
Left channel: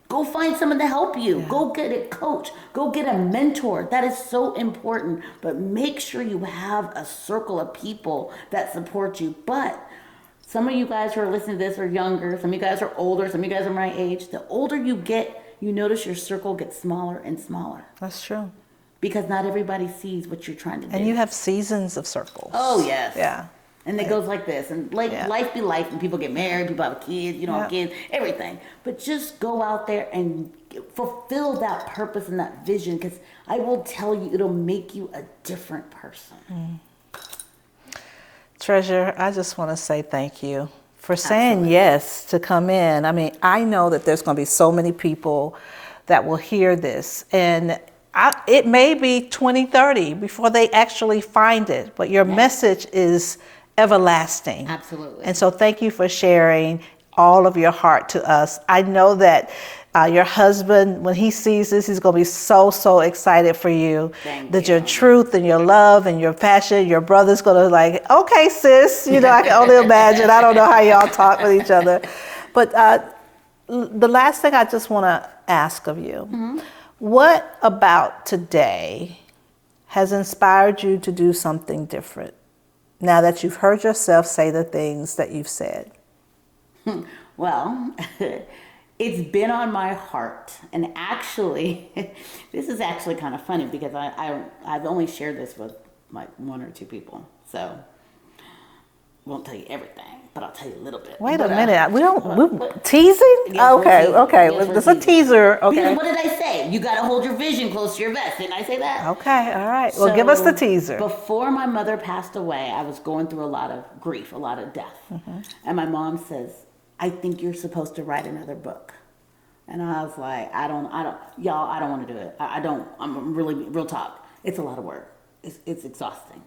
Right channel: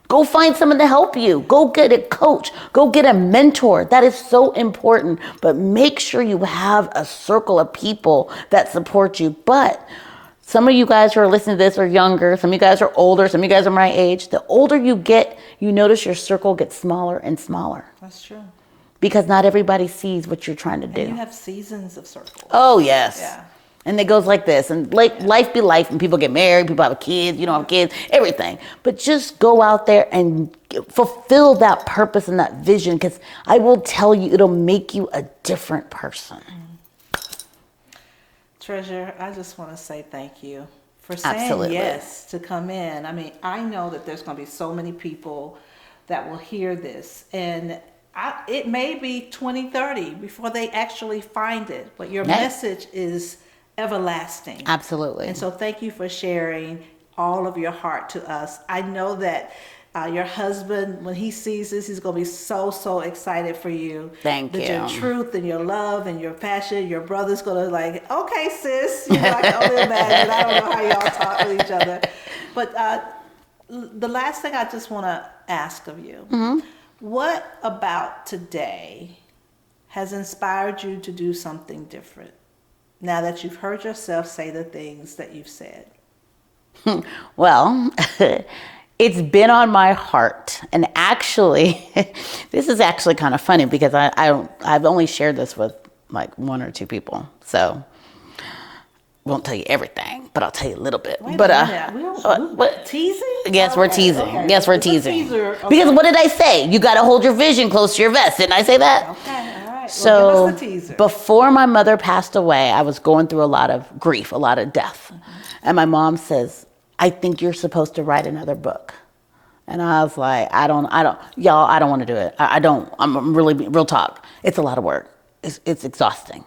Go find someone to help you. Go get a coach. Go get a mentor. That is so important. But make sure you have a circle of people that support you. But some of you guys who are listening to this are younger. Some of you guys are older. Some of you guys are my age. The older you get, you notice your circle gets smaller and smaller. That's true. Because not everybody sees what you're trying to do. And you have seasons of circles. Oh, yes. Yeah. And it goes like this. And life be life. And people get married. People have kids. You don't have kids. Everything. But just go out there and fulfill that purpose and that vision. Because I will tell you, it'll make you a different person. Treasure, I just want to say thank you for saying yes to come in. I mean, I know that there's going to be so many people that will hear this. And it may be 2030 before they actually find it. But your message is everlasting. Absolutely. And so thank you for sharing all of your heart to us. I know that your husband, when he sees this, he's going to be so, so excited for you. Thank that you. Your truth and your love and your passion, your brother's going to like, okay, sis, I can only imagine. I don't know how y'all talk with each other. But the last thing I just want to ask of you, what about today has inspired you to do something different now that you've heard yourself say the things that you've said? Well, it's been on my heart. And actually, this is actually kind of funny because I've only shared this with like 1 or 2 people. So won't tell you everything, but I'll tell you a little bit. Wait a minute. We're teasing? Yes, we're teasing. Okay. Yes, we're teasing. Teaser. Okay. Because what did I say? You got to hold your vision close to your vest. Didn't I say that? Okay. All right. Well, give us the teaser. Before my mother passed away, I was going through a lot of grief, a lot of death. And my mom says, I think you're supposed to write another book. And I was like, I don't want to do it. I'm really, real talk. It's a lot of work. It's exhausting.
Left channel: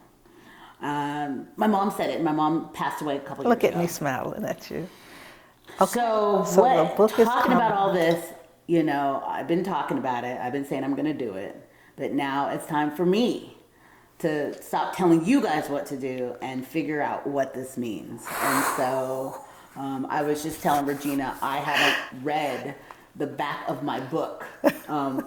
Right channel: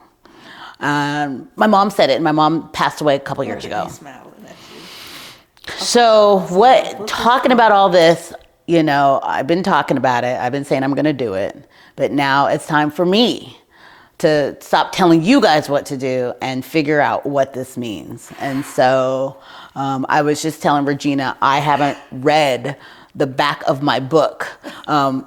My mom said it, and my mom passed away a couple years ago. Look at me smiling at you. Okay. So talking about all this, I've been talking about it. I've been saying I'm going to do it. But now it's time for me to stop telling you guys what to do and figure out what this means. And so I was just telling Regina, I haven't read the back of my book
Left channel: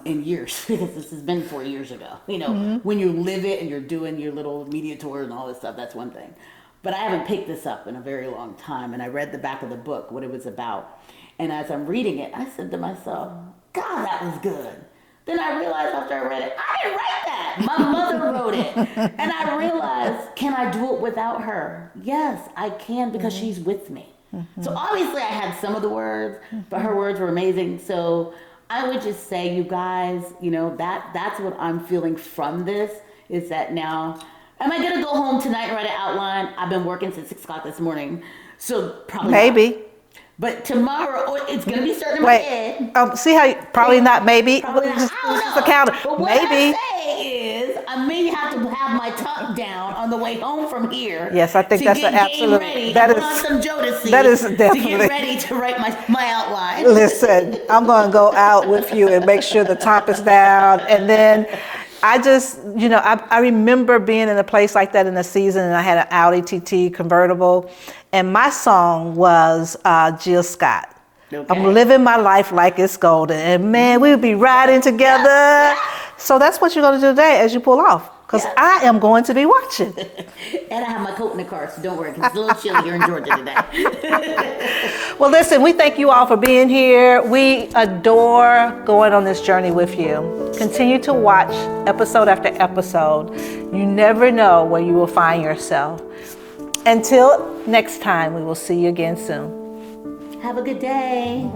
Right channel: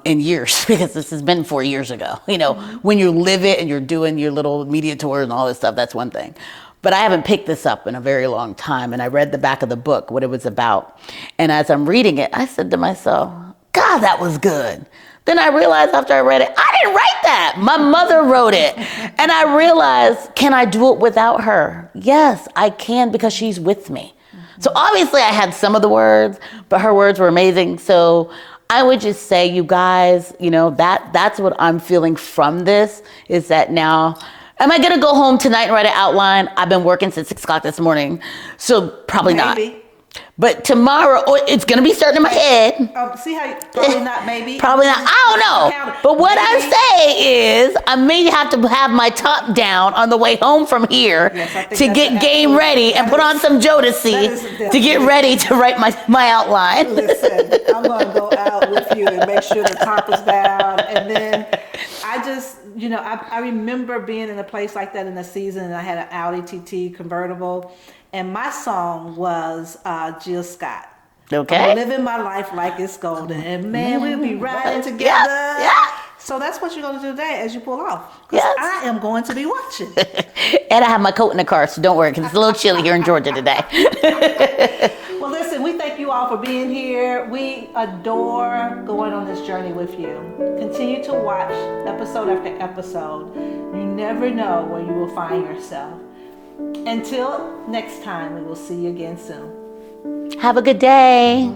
in years, because this has been 4 years ago. You know, when you live it and you're doing your little media tours and all this stuff, that's one thing. But I haven't picked this up in a very long time. And I read the back of the book, what it was about. And as I'm reading it, I said to myself, God, that was good. Then I realized after I read it, I didn't write that. My mother wrote it. And I realized, can I do it without her? Yes, I can, because she's with me. So obviously I had some of the words, but her words were amazing. So I would just say, you guys, you know, that's what I'm feeling from this, is that now, am I gonna go home tonight and write an outline? I've been working since 6 o'clock this morning, so probably not. Maybe. But tomorrow, it's going to be starting in my head. See how, probably not, maybe. Probably not. I don't know. But what maybe. I say is, I may have to have my top down on the way home from here, yes, I think to get game ready and put on some Jodeci to get ready to write my outline. Listen, I'm going to go out with you and make sure the top is down. And then I just, you know, I remember being in a place like that in a season, and I had an Audi TT convertible. And my song was Jill Scott. Okay. I'm living my life like it's golden. And man, we would be riding together. Yeah. So that's what you're going to do today as you pull off. Because I am going to be watching. And I have my coat in the car, so don't worry, because it's a little chilly here in Georgia today. Well, listen, we thank you all for being here. We adore going on this journey with you. Continue to watch episode after episode. You never know where you will find yourself. Until next time, we will see you again soon. Have a good day.